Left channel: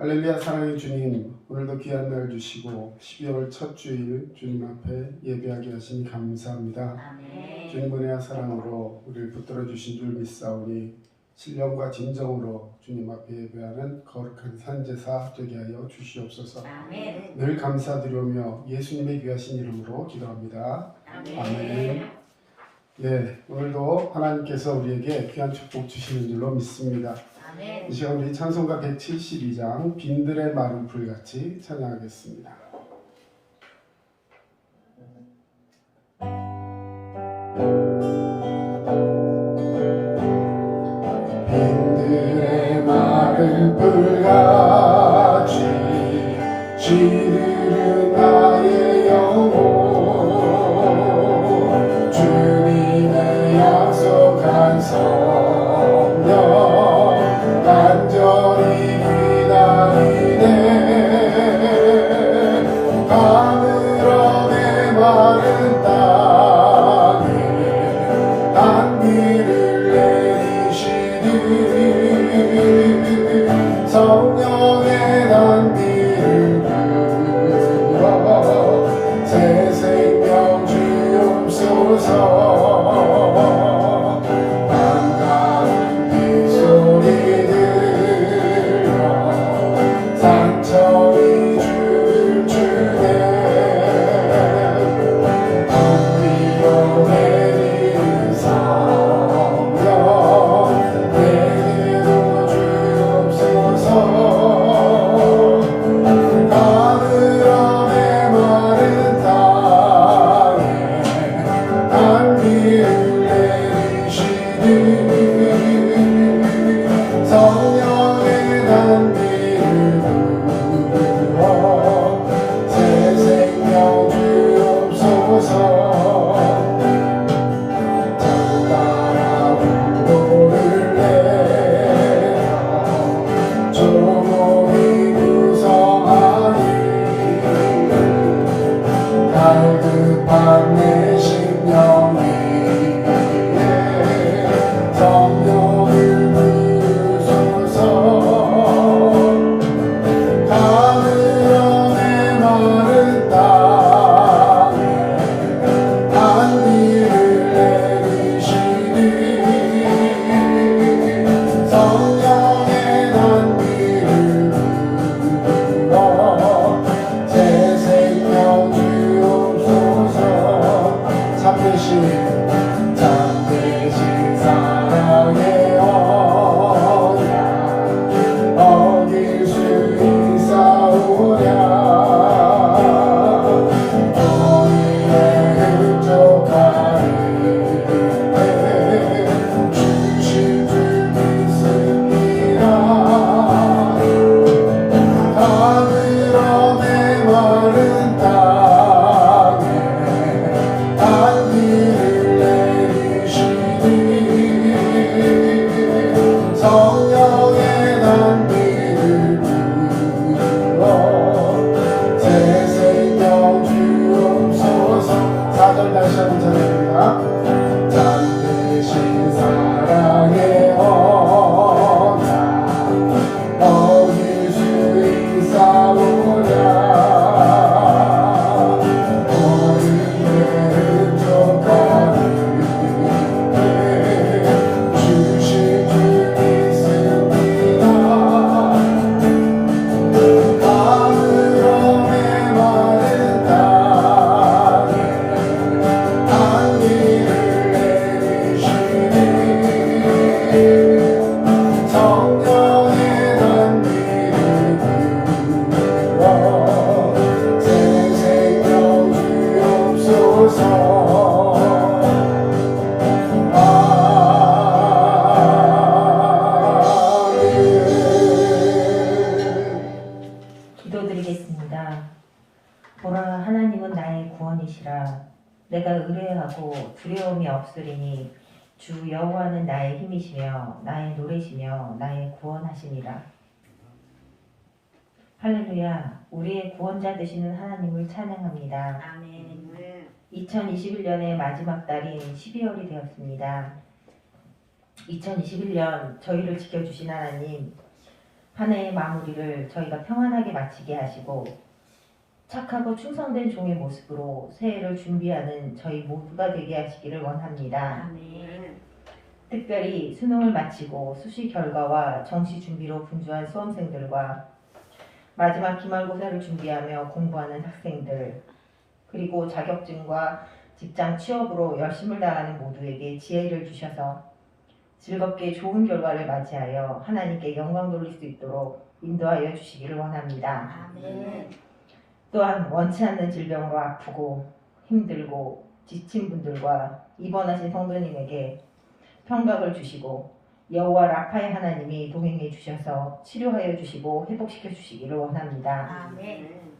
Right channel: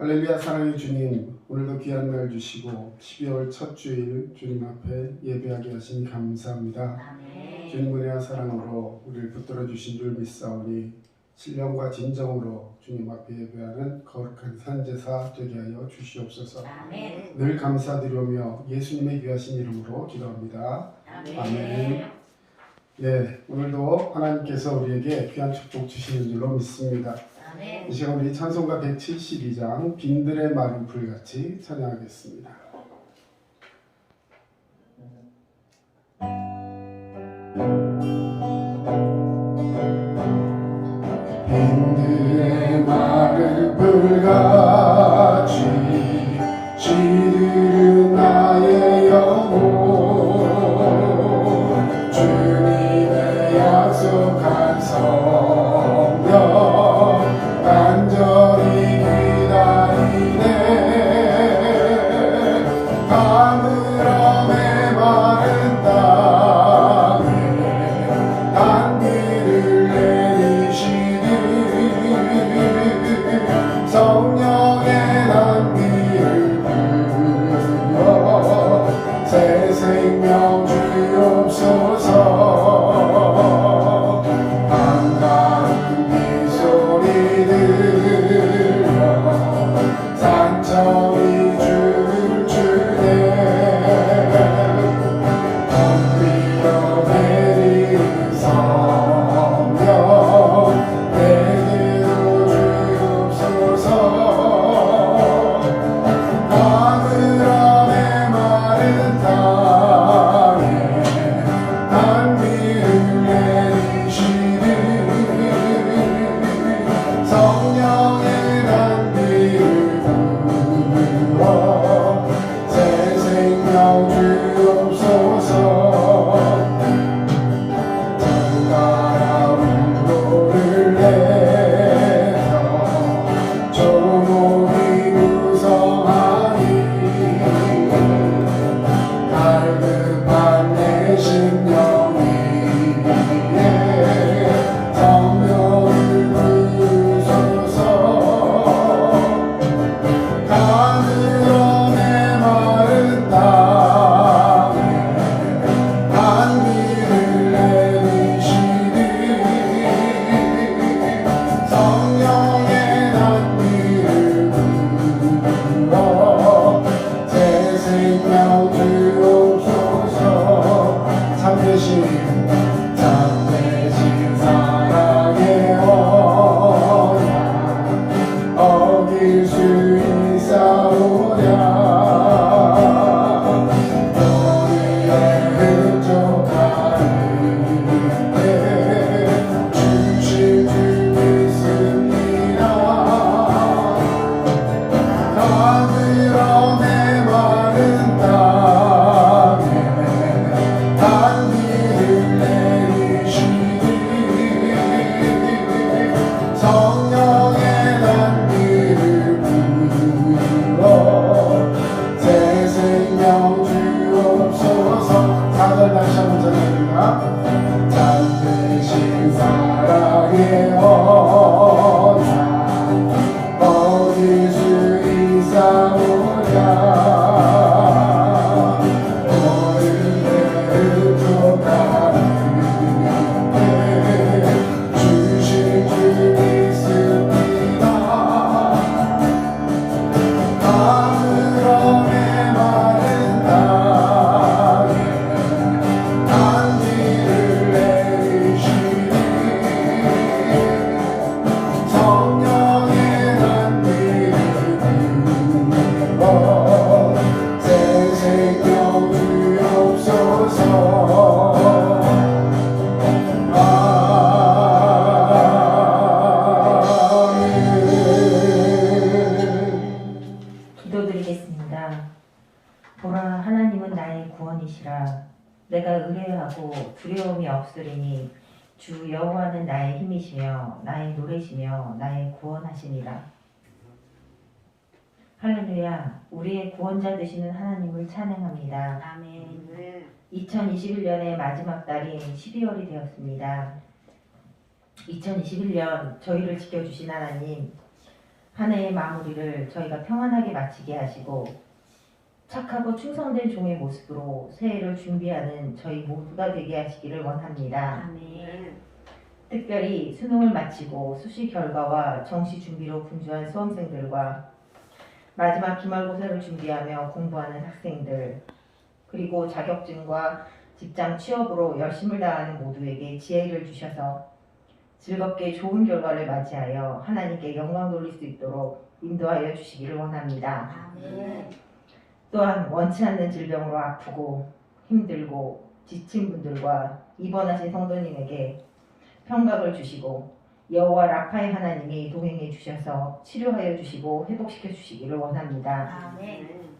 할렐루야. 사랑의 주님, 오늘도 귀한 날 주시고 12월 첫 주일 주님 앞에 예배하게 하시니 감사합니다. 아멘. 주님 은혜와 사랑으로 우리를 붙들어 주신 줄 믿사오니 신령과 진정으로 주님 앞에 예배하는 거룩한 산제사 되게 하여 주시옵소서. 아멘. 늘 감사드리며 예수님의 귀하신 이름으로 기도합니다. 아멘. 예, 오늘도 하나님께서 우리에게 귀한 축복 주시는 줄로 믿습니다. 아멘. 이 시간 우리 찬송가 172장 빈들의 마른 풀같이 찬양하겠습니다. 빈들의 마른 풀같이 시들은 나의 영혼 주님의 약속한 성령 간절히 기다리네 가물어 메마른 땅에 단비를 내리시니 성령의 단비를 부어 새 생명 주옵소서. 보라, 하나님은 나의 구원이시라. 내가 의뢰하고 두려움이 없으리니 주 여호와는 나의 힘이시며 나의 노래시며 나의 구원하시니라. 할렐루야. 우리의 구원자 되시는 하나님을 찬양합니다. 아멘. 2021년의 마지막 달인 12월이 되었습니다. 2021년 저희를 지켜주신 하나님, 한 해의 마무리를 저희가 평안하게 마치게 하시고 착하고 충성된 종의 모습으로 새해를 준비하는 저희 모두가 되게 하시기를 원합니다. 아멘. 특별히 수능을 마치고 수시 결과와 정시 준비로 분주한 수험생들과 마지막 기말고사를 준비하며 공부하는 학생들, 그리고 자격증과 직장 취업으로 열심을 다하는 모두에게 지혜를 주셔서 즐겁게 좋은 결과를 맞이하여 하나님께 영광 돌릴 수 있도록 인도하여 주시기를 원합니다. 아멘. 또한 원치 않는 질병으로 아프고 힘들고 지친 분들과 입원하신 성도님에게 평강을 주시고 여호와 라파의 하나님이 동행해 주셔서 치료하여 주시고 회복시켜 주시기를 원합니다. 아멘.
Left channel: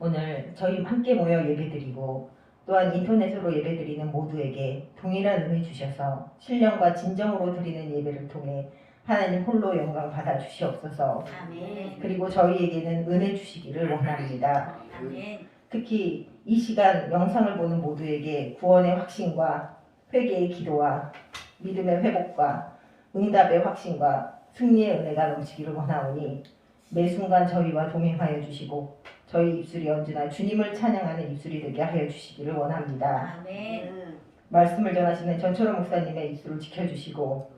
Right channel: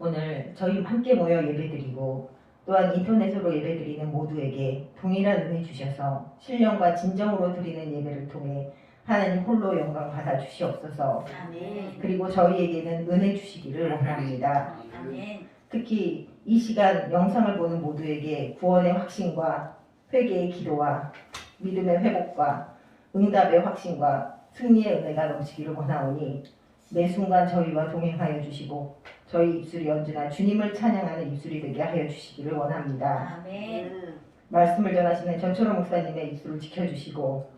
오늘 저희 함께 모여 예배드리고 또한 인터넷으로 예배드리는 모두에게 동일한 은혜 주셔서 신령과 진정으로 드리는 예배를 통해 하나님 홀로 영광 받아 주시옵소서. 아멘. 그리고 저희에게는 은혜 주시기를 원합니다. 아멘. 특히 이 시간 영상을 보는 모두에게 구원의 확신과 회개의 기도와 믿음의 회복과 응답의 확신과 승리의 은혜가 넘치기를 원하오니 매 순간 저희와 동행하여 주시고 저희 입술이 언제나 주님을 찬양하는 입술이 되게 하여 주시기를 원합니다. 아멘. 말씀을 전하시는 전철호 목사님의 입술을 지켜주시고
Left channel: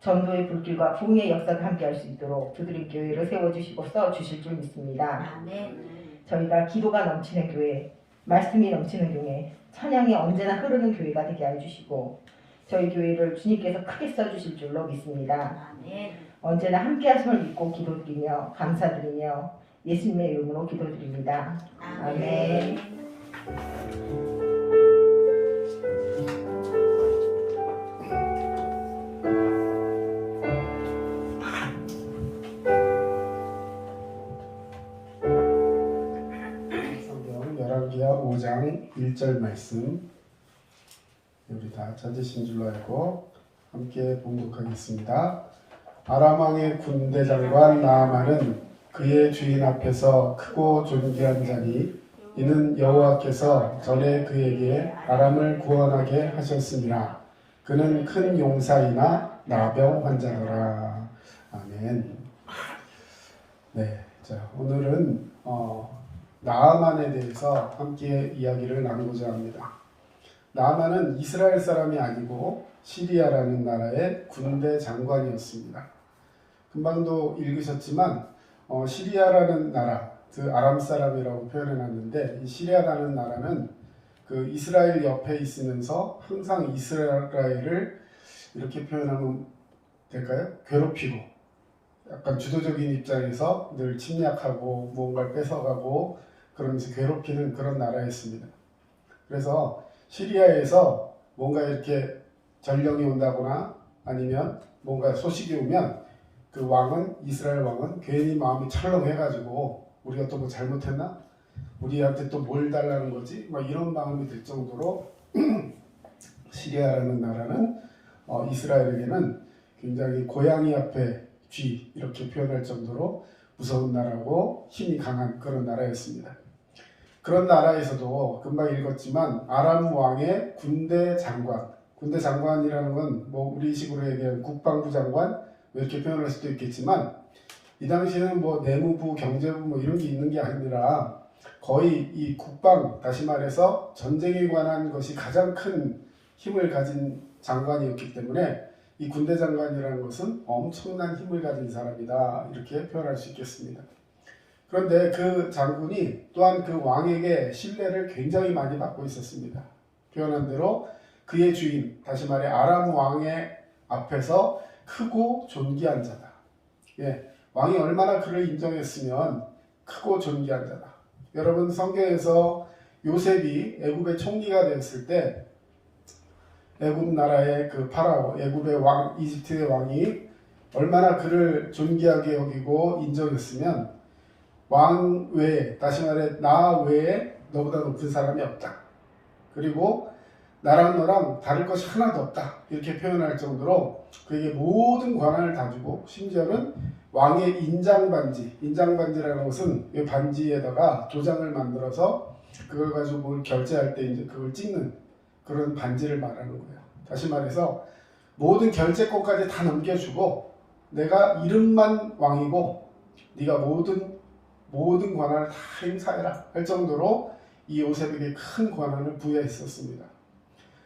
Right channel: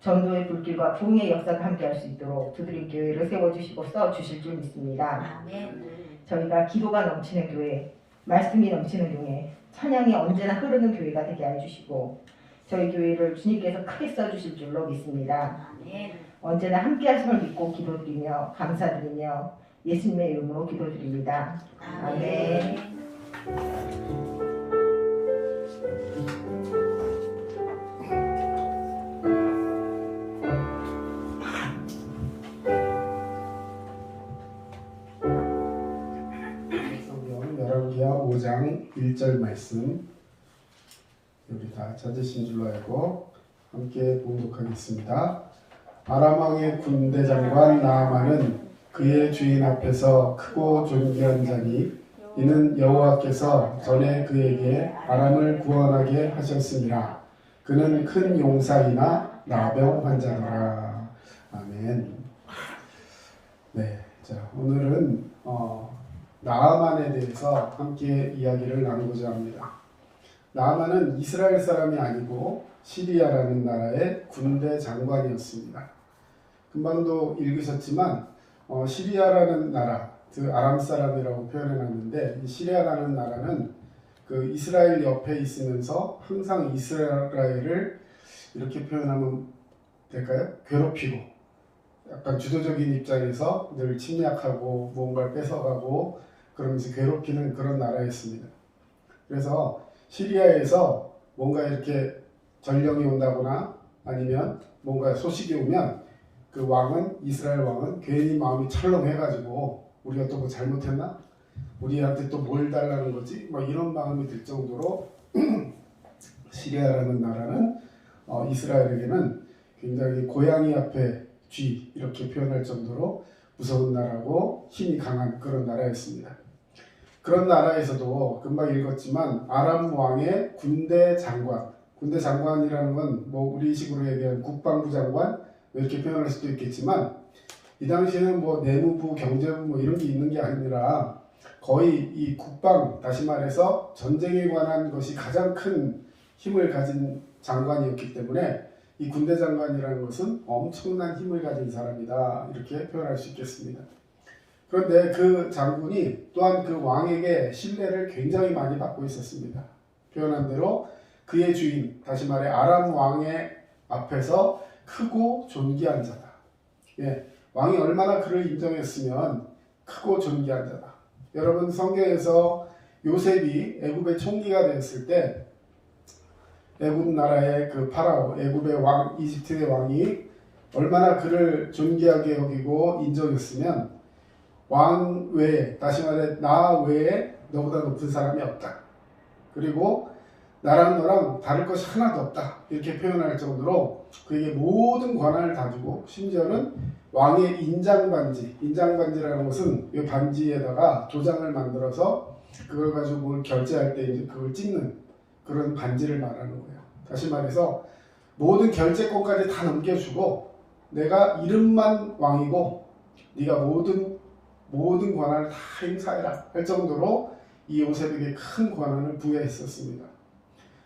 전도의 불길과 부흥의 역사가 함께할 수 있도록 두드림 교회를 세워주시고 써주실 줄 믿습니다. 아멘. 저희가 기도가 넘치는 교회, 말씀이 넘치는 교회, 찬양이 언제나 흐르는 교회가 되게 해주시고 저희 교회를 주님께서 크게 써주실 줄로 믿습니다. 아멘. 언제나 함께 하심을 믿고 기도드리며 감사드리며 예수님의 이름으로 기도드립니다. 아멘. 성경 열왕기하 5장 1절 말씀 우리 다 찾으신 줄로 알고 함께 봉독하겠습니다. 아람 왕의 군대 장관 나아만은 그의 주인 앞에서 크고 존귀한 자니 이는 여호와께서 전에 그에게 아람을 구원하게 하셨습니다. 그는 큰 용사이나 나병 환자더라. 아멘. 네, 자 오늘은 나아만에 대해서 함께 이야기를 나누고자 합니다. 나아만은 이스라엘 사람이 아니고 시리아라는 나라의 군대 장관이었습니다. 금방도 읽으셨지만 시리아라는 나라, 그 아람 사람이라고 표현해놨는데 이 시리아라는 나라는 그 이스라엘 옆에 있으면서 항상 이스라엘을 이렇게 표현하면 될까요? 괴롭히고 약간 주도적인 입장에서 늘 침략하고 무언가를 뺏어가고 그러면서 괴롭히는 그런 나라였습니다. 그래서 시리아에서 뭔가 이렇게 전령이 온다거나 아니면 뭔가 소식이 오면 그 왕은 이스라엘 왕은 괜히 마음이 철렁해가지고 우리가 또 뭐 잘못했나? 우리한테 또 뭘 달라는 거지? 막 이런 마음이 들 정도로 시리아라는 나라는 이스라엘에게는 굉장히 고양이 앞에 쥐 이렇게 표현할 정도로 무서운 나라고 힘이 강한 그런 나라였습니다. 그런 나라에서도 금방 읽었지만 아람 왕의 군대 장관이라는 건 뭐 우리식으로 얘기하면 국방부 장관 이렇게 표현할 수도 있겠지만 이 당시에는 뭐 내무부, 경제부 뭐 이런 게 있는 게 아니라 거의 이 국방, 다시 말해서 전쟁에 관한 것이 가장 큰 힘을 가진 장관이었기 때문에 이 군대 장관이라는 것은 엄청난 힘을 가진 사람이다 이렇게 표현할 수 있겠습니다. 그런데 그 장군이 또한 그 왕에게 신뢰를 굉장히 많이 받고 있었습니다. 표현한 대로 그의 주인, 다시 말해 아람 왕의 앞에서 크고 존귀한 자다. 예, 왕이 얼마나 그를 인정했으면 크고 존귀한 자다. 여러분 성경에서 요셉이 애굽의 총리가 되었을 때 애굽 나라의 그 파라오, 애굽의 왕, 이집트의 왕이 얼마나 그를 존귀하게 여기고 인정했으면 왕 외에, 다시 말해 나 외에 너보다 높은 사람이 없다. 그리고 나랑 너랑 다를 것이 하나도 없다. 이렇게 표현할 정도로 그에게 모든 권한을 다 주고 심지어는 왕의 인장반지라는 것은 이 반지에다가 도장을 만들어서 그걸 가지고 뭘 결제할 때 이제 그걸 찍는 그런 반지를 말하는 거예요. 다시 말해서 모든 결제권까지 다 넘겨주고 내가 이름만 왕이고 네가 모든 권한을 다 행사해라 할 정도로 이 요셉에게 큰 권한을 부여했었습니다.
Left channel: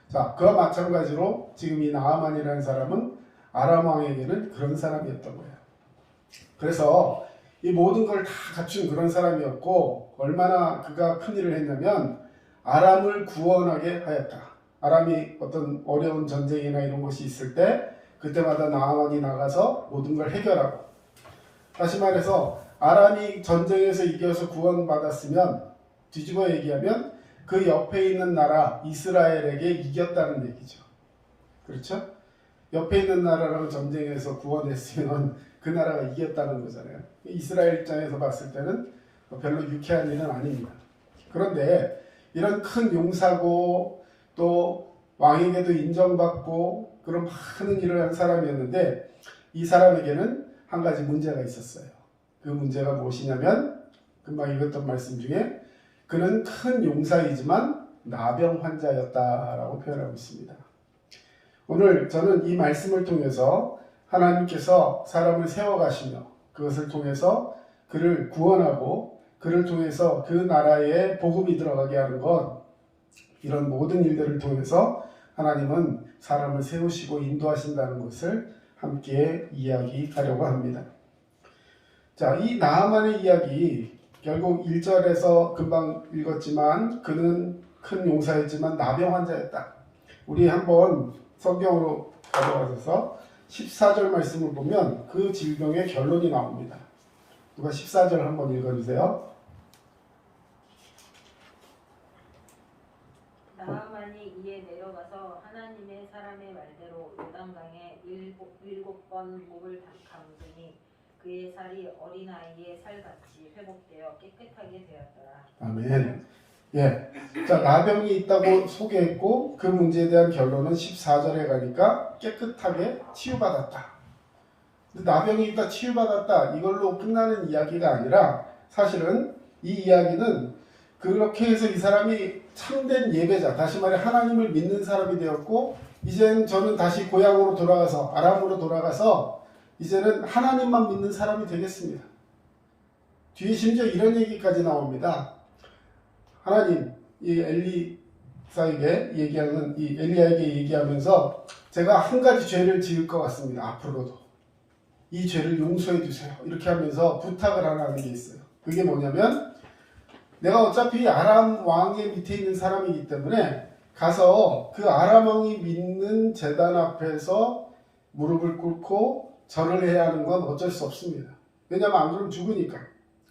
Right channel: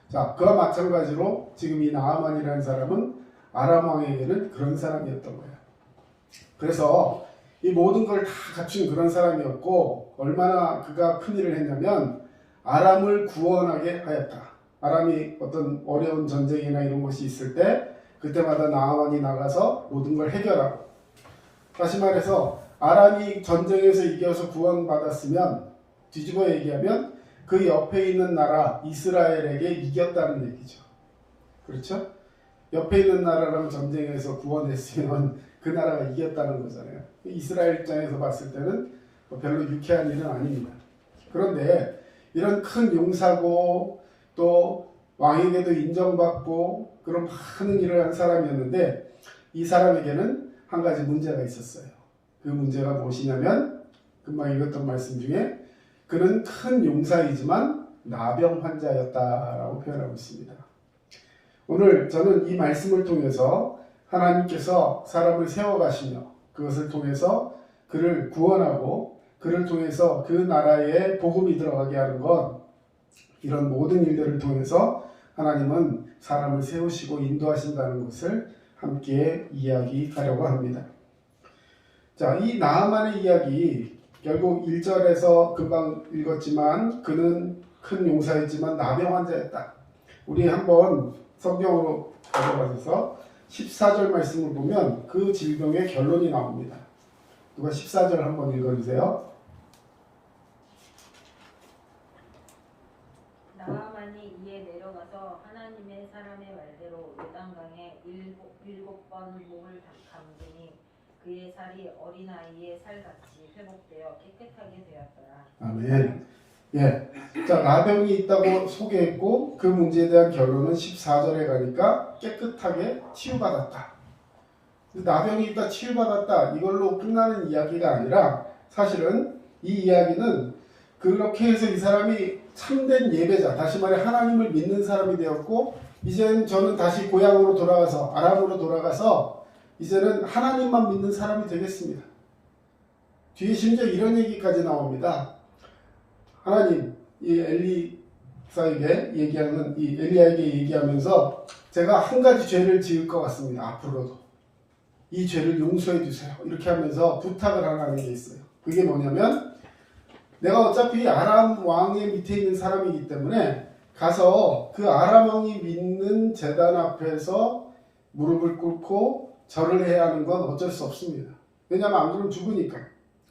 자, 그와 마찬가지로 지금 이 나아만이라는 사람은 아람 왕에게는 그런 사람이었던 거예요. 그래서 이 모든 걸 다 갖춘 그런 사람이었고 얼마나 그가 큰 일을 했냐면 아람을 구원하게 하였다. 아람이 어떤 어려운 전쟁이나 이런 것이 있을 때 그때마다 나아만이 나가서 모든 걸 해결하고, 다시 말해서 아람이 전쟁에서 이겨서 구원받았으면 뒤집어 얘기하면 그 옆에 있는 나라 이스라엘에게 이겼다는 얘기죠. 그렇죠? 옆에 있는 나라랑 전쟁에서 구원했으면 그 나라가 이겼다는 거잖아요. 이스라엘 입장에서 봤을 때는 별로 유쾌한 일은 아닙니다. 그런데 이런 큰 용사고 또 왕에게도 인정받고 그런 많은 일을 한 사람이었는데 이 사람에게는 한 가지 문제가 있었어요. 그 문제가 무엇이냐면 금방 읽었던 말씀 중에 그는 큰 용사이지만 나병 환자였다라고 표현하고 있습니다. 오늘 저는 이 말씀을 통해서 하나님께서 사람을 세워가시며 그것을 통해서 그를 구원하고 그를 통해서 그 나라에 복음이 들어가게 하는 것, 이런 모든 일들을 통해서 하나님은 사람을 세우시고 인도하신다는 것을 함께 이야기하려고 합니다. 자, 이 나아만의 이야기 결국 1절에서 금방 읽었지만 그는 큰 용사였지만 나병 환자였다. 우리 한번 성경으로 가져가셔서 14절 말씀을 보면 그 질병의 결론이 나옵니다. 누가 14절 한번 읽어주세요. 나아만이 이에 내려가서 하나님의 사람의 말대로 요단강에 일곱 번 목을 감더니 그의 살이 어린아이의 살같이 회복되어 깨끗하게 되었더라. 아멘. 예. 자, 나병이 있다고 소개했고 그 문제에 대한 결론은 14절에 가니까 깨끗하게 치유받았다. 나병이 있다 치유받았다 이걸로 끝나는 이야기가 아니라 사실은 이 이야기는 그렇게 해서 이 사람이 참된 예배자, 다시 말해 하나님을 믿는 사람이 되었고 이제는 저는 다시 고향으로 돌아가서 아람으로 돌아가서 이제는 하나님만 믿는 사람이 되겠습니다. 뒤에 심지어 이런 얘기까지 나옵니다. 하나님, 이 엘리사에게 얘기하는 이 엘리야에게 얘기하면서 제가 한 가지 죄를 지을 것 같습니다. 앞으로도 이 죄를 용서해 주세요. 이렇게 하면서 부탁을 하는 게 있어요. 그게 뭐냐면 내가 어차피 아람 왕의 밑에 있는 사람이기 때문에 가서 그 아람 왕이 믿는 제단 앞에서 무릎을 꿇고 절을 해야 하는 건 어쩔 수 없습니다. 왜냐하면 안 그러면 죽으니까.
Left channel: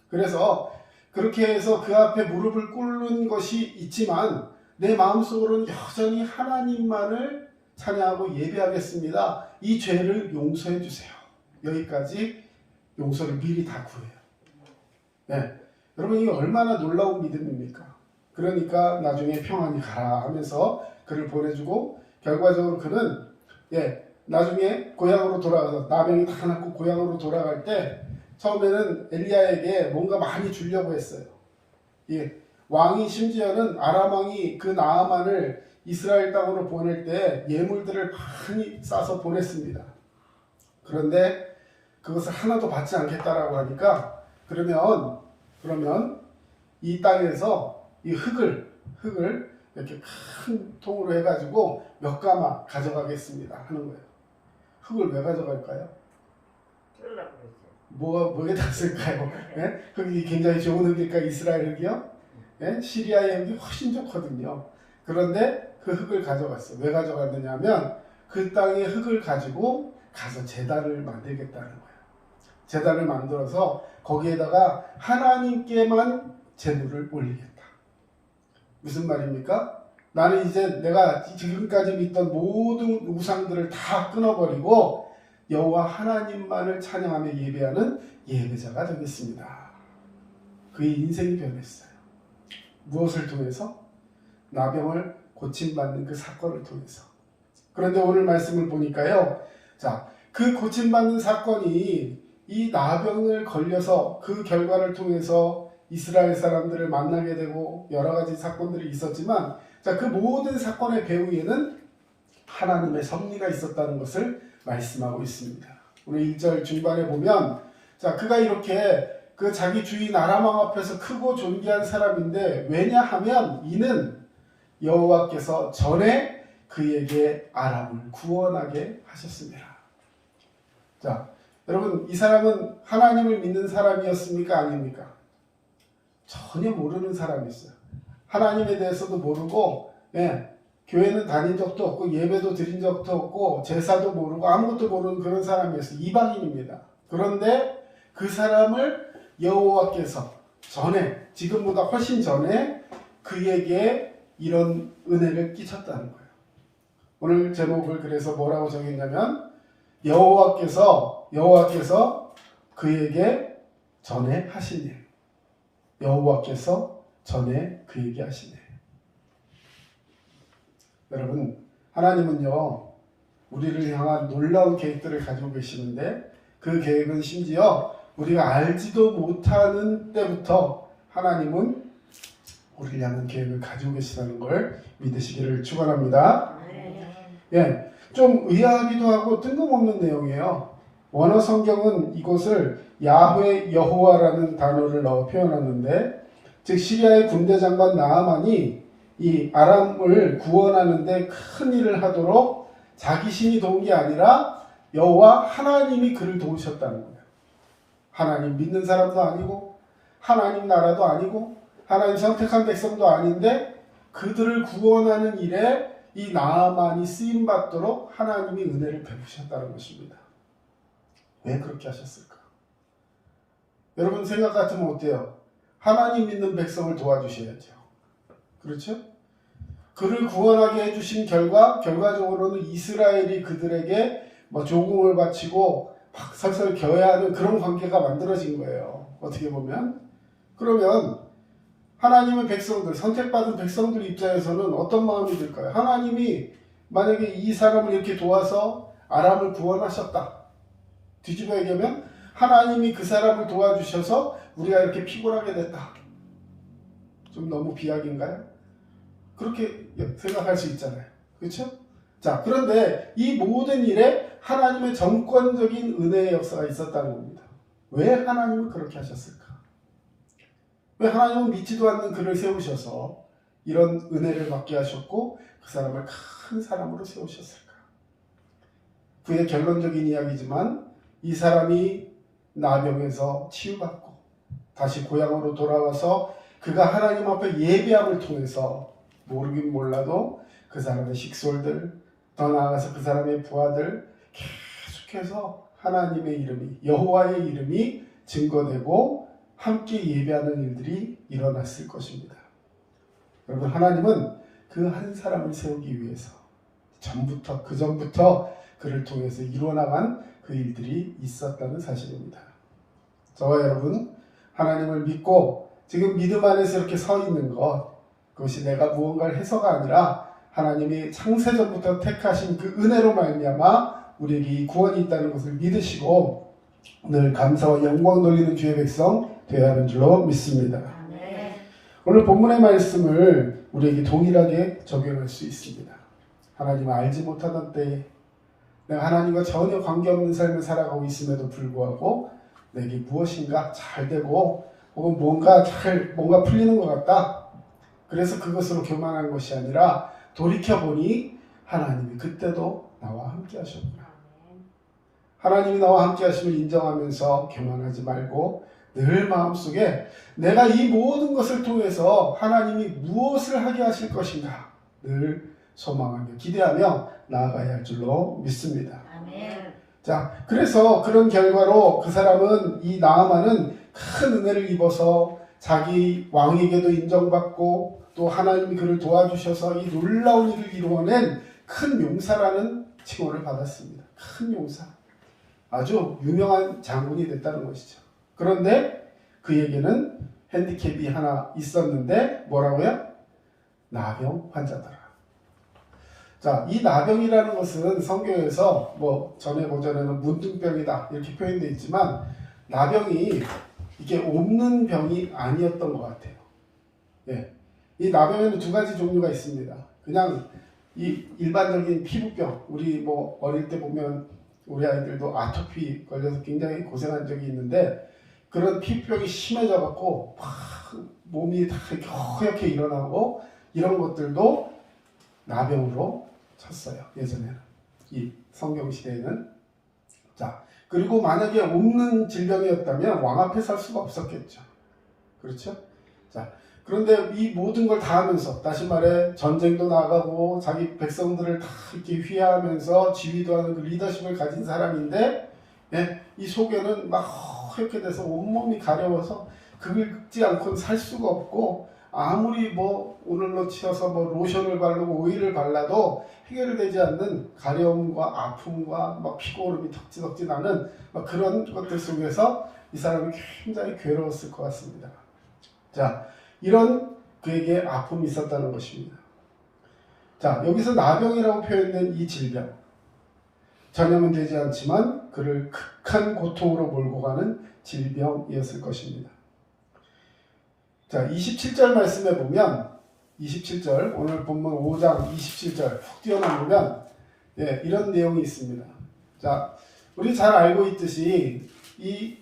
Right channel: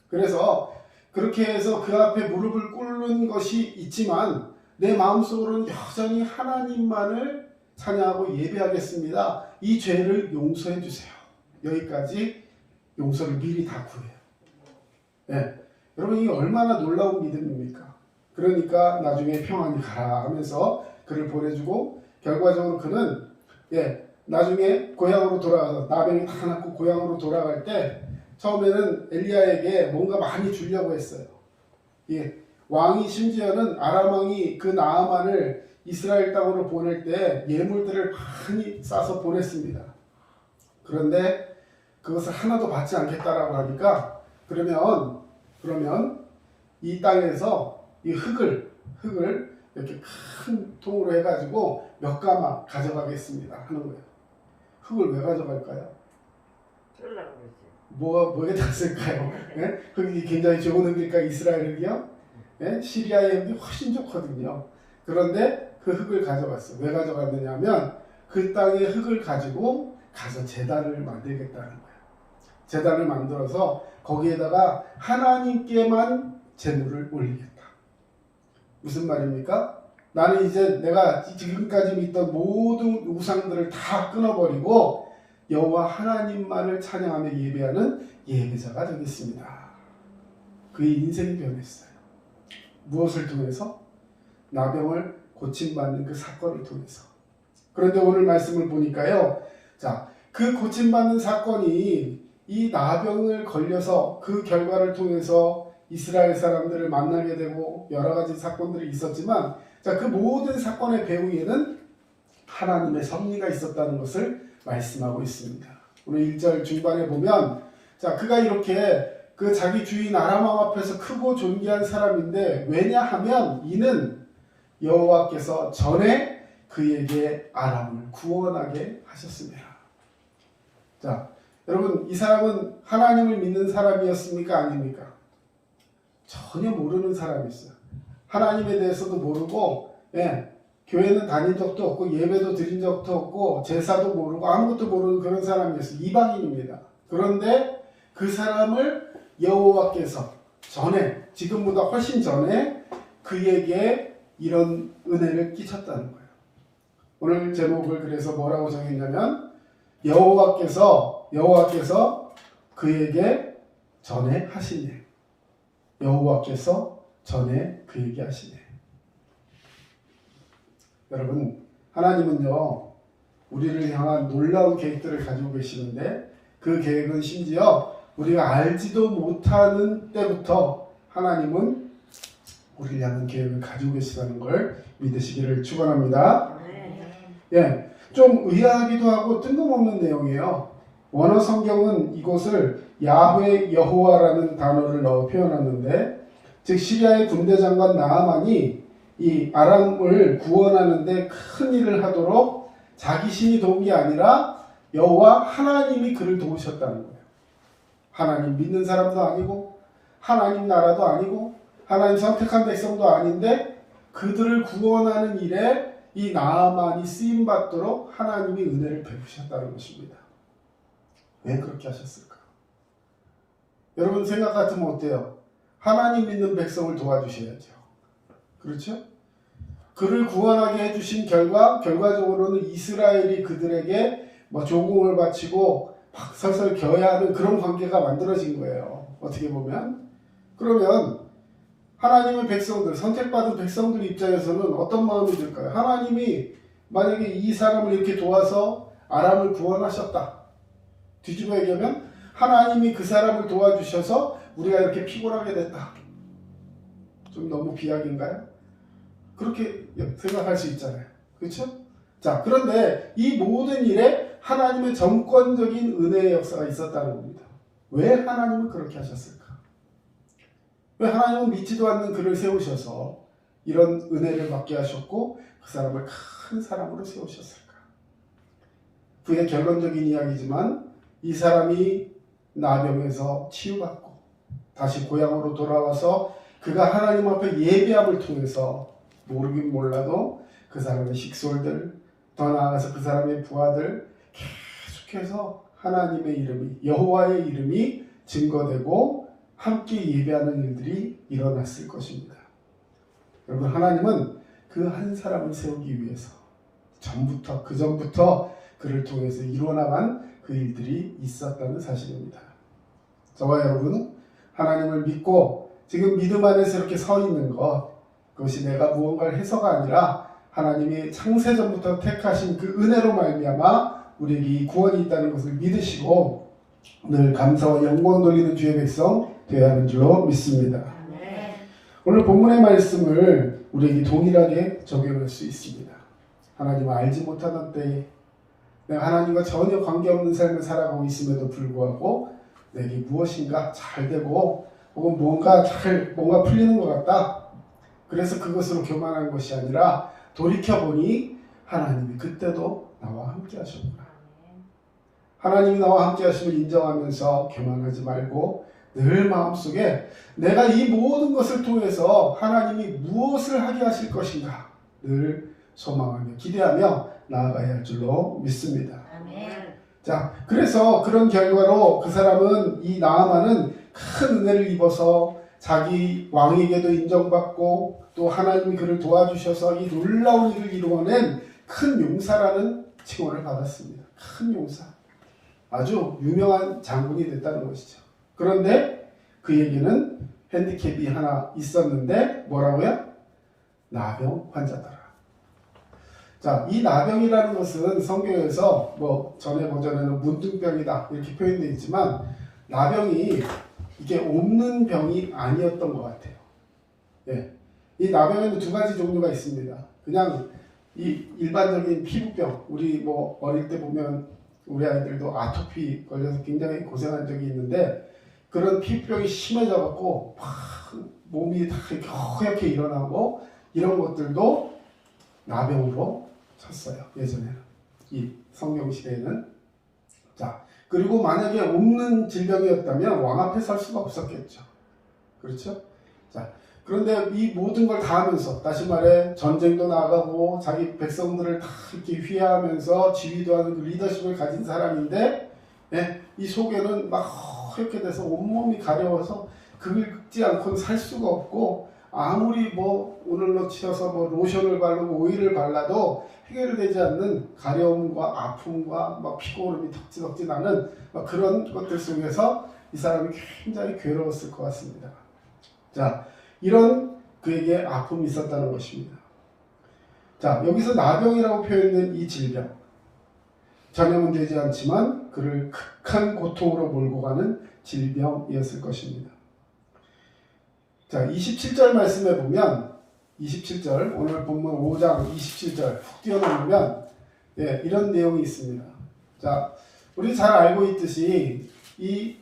그래서 그렇게 해서 그 앞에 무릎을 꿇는 것이 있지만 내 마음속으로는 여전히 하나님만을 찬양하고 예배하겠습니다. 이 죄를 용서해 주세요. 여기까지 용서를 미리 다 구해요. 네. 여러분 이게 얼마나 놀라운 믿음입니까? 그러니까 나중에 평안히 가라 하면서 그를 보내주고 결과적으로 그는 나중에 고향으로 돌아가서 나병이 다 낫고 고향으로 돌아갈 때 처음에는 엘리야에게 뭔가 많이 주려고 했어요. 왕이 심지어는 아람 왕이 그 나아만을 이스라엘 땅으로 보낼 때 예물들을 많이 싸서 보냈습니다. 그런데 그것을 하나도 받지 않겠다라고 하니까 그러면 이 땅에서 이 흙을 이렇게 큰 통으로 해가지고 몇 가마 가져가겠습니다 하는 거예요. 흙을 왜 가져갈까요? 쓰려고 그랬어요. 뭐에다 쓸까요? 예? 흙이 굉장히 좋은 흙일까 이스라엘 흙이요? 예? 시리아의 흙이 훨씬 좋거든요. 그런데 그 흙을 가져갔어. 왜 가져갔느냐 하면 그 땅의 흙을 가지고 가서 제단을 만들겠다는 거예요. 제단을 만들어서 거기에다가 하나님께만 제물을 올리겠다. 무슨 말입니까? 나는 이제 내가 지금까지 믿던 모든 우상들을 다 끊어버리고 여호와 하나님만을 찬양하며 예배하는 예배자가 되겠습니다. 그의 인생이 변했어요. 무엇을 통해서? 나병을 고침받는 그 사건을 통해서. 그런데 오늘 말씀을 보니까요. 자, 그 고침받는 사건이 이 나병을 걸려서 그 결과를 통해서 이스라엘 사람들을 만나게 되고 여러 가지 사건들이 있었지만 자, 그 모든 사건의 배후에는 하나님의 섭리가 있었다는 것을 말씀하고 있습니다. 우리 1절 중반에 보면 자 그가 이렇게 그 자기 주인 아람왕 앞에서 크고 존귀한 사람인데 왜냐하면 이는 여호와께서 전에 그에게 아람을 구원하게 하셨습니다. 자 여러분 이 사람은 하나님을 믿는 사람이었습니까? 아닙니까? 전혀 모르는 사람이었어요. 하나님에 대해서도 모르고 교회는 다닌 적도 없고 예배도 드린 적도 없고 제사도 모르고 아무것도 모르는 그런 사람이었어요. 이방인입니다. 그런데 그 사람을 여호와께서 전에 지금보다 훨씬 전에 그에게 이런 은혜를 끼쳤다는 거예요. 오늘 제목을 그래서 뭐라고 정했냐면 여호와께서 그에게 전에 하신 일. 여호와께서 전에 그에게 하신 일. 여러분 하나님은요 우리를 향한 놀라운 계획들을 가지고 계시는데 그 계획은 심지어 우리가 알지도 못하는 때부터 하나님은 우리를 향한 계획을 가지고 계시다는 걸 믿으시기를 축원합니다. 네. 좀 의아하기도 하고 뜬금없는 내용이에요. 원어 성경은 이곳을 야훼 여호와라는 단어를 넣어 표현하는데 즉 시리아의 군대 장관 나아만이 이 아람을 구원하는데 큰 일을 하도록 자기 신이 도운 게 아니라 여호와 하나님이 그를 도우셨다는 거예요. 하나님 믿는 사람도 아니고 하나님 나라도 아니고 하나님 선택한 백성도 아닌데 그들을 구원하는 일에 이 나아만이 쓰임받도록 하나님이 은혜를 베푸셨다는 것입니다. 왜 그렇게 하셨을까? 여러분 생각 같으면 어때요? 하나님 믿는 백성을 도와주셔야죠. 그렇죠? 그를 구원하게 해주신 결과적으로는 이스라엘이 그들에게 조공을 바치고 막 설설 겨야 하는 그런 관계가 만들어진 거예요. 어떻게 보면. 그러면 하나님의 백성들, 선택받은 백성들 입장에서는 어떤 마음이 들까요? 하나님이 만약에 이 사람을 이렇게 도와서 아람을 구원하셨다. 뒤집어 얘기하면 하나님이 그 사람을 도와주셔서 우리가 이렇게 피곤하게 됐다. 좀 너무 비약인가요? 그렇게 생각할 수 있잖아요. 그렇죠? 자, 그런데 이 모든 일에 하나님의 정권적인 은혜의 역사가 있었다는 겁니다. 왜 하나님은 그렇게 하셨을까? 왜 하나님은 믿지도 않는 그를 세우셔서 이런 은혜를 받게 하셨고 그 사람을 큰 사람으로 세우셨을까? 그의 결론적인 이야기지만 이 사람이 나병에서 치유받고 다시 고향으로 돌아와서 그가 하나님 앞에 예배함을 통해서 모르긴 몰라도 그 사람의 식솔들 더 나아가서 그 사람의 부하들 계속해서 하나님의 이름이 여호와의 이름이 증거되고 함께 예배하는 일들이 일어났을 것입니다. 여러분 하나님은 그 한 사람을 세우기 위해서 그 전부터 그를 통해서 이루어나간 그 일들이 있었다는 사실입니다. 저와 여러분 하나님을 믿고 지금 믿음 안에서 이렇게 서 있는 그것이 내가 무언가를 해서가 아니라 하나님이 창세전부터 택하신 그 은혜로 말미암아 우리에게 이 구원이 있다는 것을 믿으시고 늘 감사와 영광 돌리는 주의 백성 되어야 하는 줄로 믿습니다. 네. 오늘 본문의 말씀을 우리에게 동일하게 적용할 수 있습니다. 하나님을 알지 못하던 때에 내가 하나님과 전혀 관계없는 삶을 살아가고 있음에도 불구하고 내게 무엇인가 잘 되고 혹은 뭔가 풀리는 것 같다. 그래서 그것으로 교만한 것이 아니라 돌이켜보니 하나님이 그때도 나와 함께 하셨구나. 하나님이 나와 함께 하심을 인정하면서 교만하지 말고 늘 마음속에 내가 이 모든 것을 통해서 하나님이 무엇을 하게 하실 것인가 늘 소망하며 기대하며 나아가야 할 줄로 믿습니다. 아멘. 자, 그래서 그런 결과로 그 사람은 이 나아만은 큰 은혜를 입어서 자기 왕에게도 인정받고 또 하나님이 그를 도와주셔서 이 놀라운 일을 이루어낸 큰 용사라는 칭호를 받았습니다. 큰 용사. 아주 유명한 장군이 됐다는 것이죠. 그런데 그에게는 핸디캡이 하나 있었는데 뭐라고요? 나병 환자더라. 자, 이 나병이라는 것은 성경에서 전에 버전에는 문둥병이다 이렇게 표현되어 있지만 나병이 이게 옮는 병이 아니었던 것 같아요. 예. 이 나병에는 두 가지 종류가 있습니다. 그냥 이 일반적인 피부병, 우리 어릴 때 보면 우리 아이들도 아토피 걸려서 굉장히 고생한 적이 있는데 그런 피부병이 심해져갖고 막 몸이 다 이렇게 허옇게 일어나고 이런 것들도 나병으로 쳤어요. 예전에는 이 성경 시대에는. 자, 그리고 만약에 없는 질병이었다면 왕 앞에 설 수가 없었겠죠. 그렇죠? 자, 그런데 이 모든 걸 다 하면서 다시 말해 전쟁도 나가고 자기 백성들을 다 이렇게 휘하면서 지휘도 하는 그 리더십을 가진 사람인데 이 속에는 막 허옇게 돼서 온몸이 가려워서 그걸 긁지 않고는 살 수가 없고 아무리 뭐 오늘로 치어서 뭐 로션을 바르고 오일을 발라도 해결되지 않는 가려움과 아픔과 막 피고름이 덕지덕지 나는 막 그런 것들 속에서 이 사람이 굉장히 괴로웠을 것 같습니다. 자, 이런 그에게 아픔이 있었다는 것입니다. 자, 여기서 나병이라고 표현된 이 질병 전염은 되지 않지만 그를 극한 고통으로 몰고 가는 질병이었을 것입니다. 자, 27절 말씀에 보면 27절 오늘 본문 5장 27절 훅 뛰어넘으면 이런 내용이 있습니다. 자, 우리 잘 알고 있듯이 이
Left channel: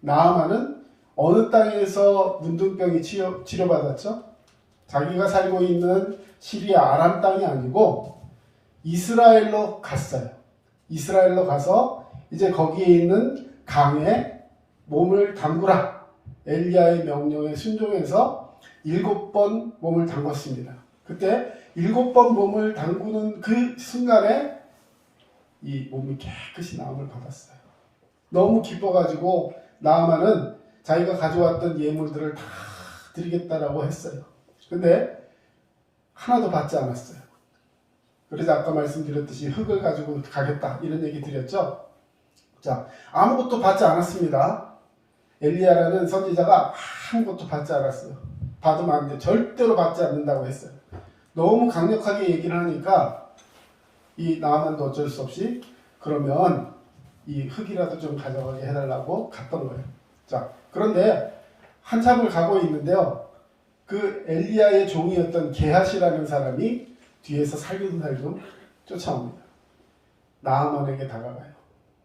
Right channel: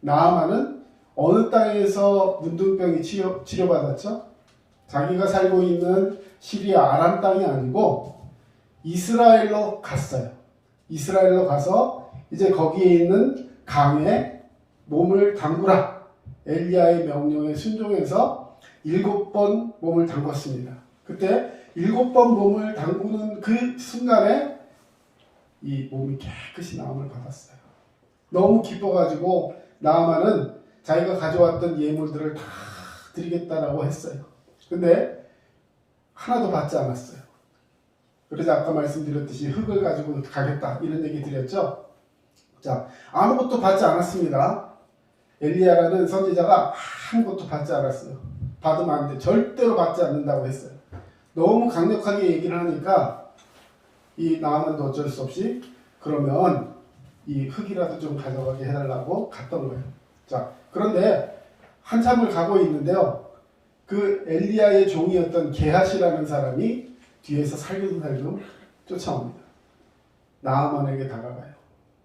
나아만은 어느 땅에서 문둥병이 치료받았죠? 자기가 살고 있는 시리아 아람 땅이 아니고 이스라엘로 갔어요. 이스라엘로 가서 이제 거기에 있는 강에 몸을 담그라. 엘리야의 명령에 순종해서 7번 몸을 담궜습니다. 그때 7번 몸을 담그는 그 순간에 이 몸이 깨끗이 나음을 받았어요. 너무 기뻐가지고 나아만은 자기가 가져왔던 예물들을 다 드리겠다라고 했어요. 근데 하나도 받지 않았어요. 그래서 아까 말씀드렸듯이 흙을 가지고 가겠다 이런 얘기 드렸죠. 자, 아무것도 받지 않았습니다. 엘리야라는 선지자가 아무것도 받지 않았어요. 받으면 안 돼. 절대로 받지 않는다고 했어요. 너무 강력하게 얘기를 하니까 이 나아만도 어쩔 수 없이 그러면 이 흙이라도 좀 가져가게 해달라고 갔던 거예요. 자, 그런데 한참을 가고 있는데요. 그 엘리야의 종이었던 게하시라는 사람이 뒤에서 살금살금 쫓아옵니다. 나아만에게 다가가요.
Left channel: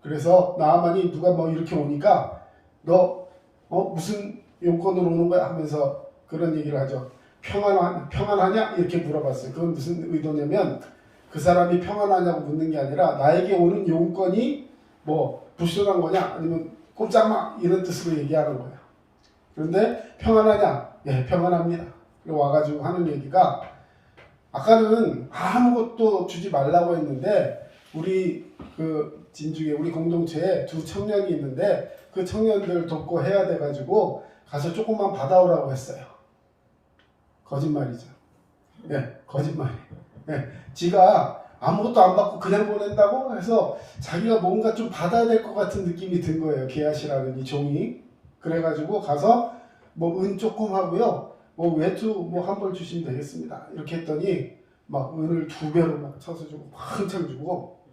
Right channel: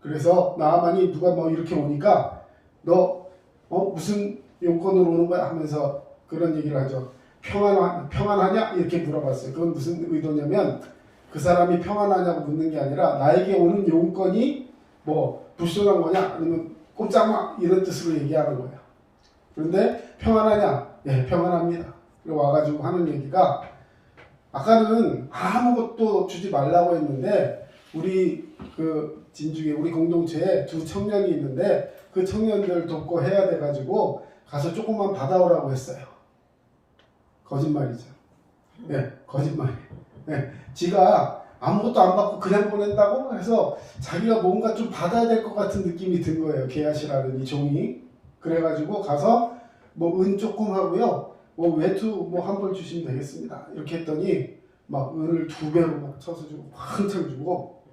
그래서 나아만이 누가 뭐 이렇게 오니까 너 무슨 용건으로 오는 거야 하면서 그런 얘기를 하죠. 평안하냐? 이렇게 물어봤어요. 그건 무슨 의도냐면 그 사람이 평안하냐고 묻는 게 아니라 나에게 오는 용건이 뭐 불순한 거냐 아니면 꼼짝마 이런 뜻으로 얘기하는 거야. 그런데 평안하냐? 예, 평안합니다. 그리고 와가지고 하는 얘기가 아까는 아무것도 주지 말라고 했는데 우리 그 진중에 우리 공동체에 두 청년이 있는데 그 청년들 돕고 해야 돼가지고 가서 조금만 받아오라고 했어요. 거짓말이죠. 네, 거짓말이에요. 네, 지가 아무것도 안 받고 그냥 보낸다고 해서 자기가 뭔가 좀 받아야 될 것 같은 느낌이 든 거예요. 게하시라는 이 종이. 그래가지고 가서 뭐 은 조금 하고요. 뭐 외투 뭐 한 벌 주시면 되겠습니다. 이렇게 했더니 막 은을 2배로 막 쳐서 주고 한창 주고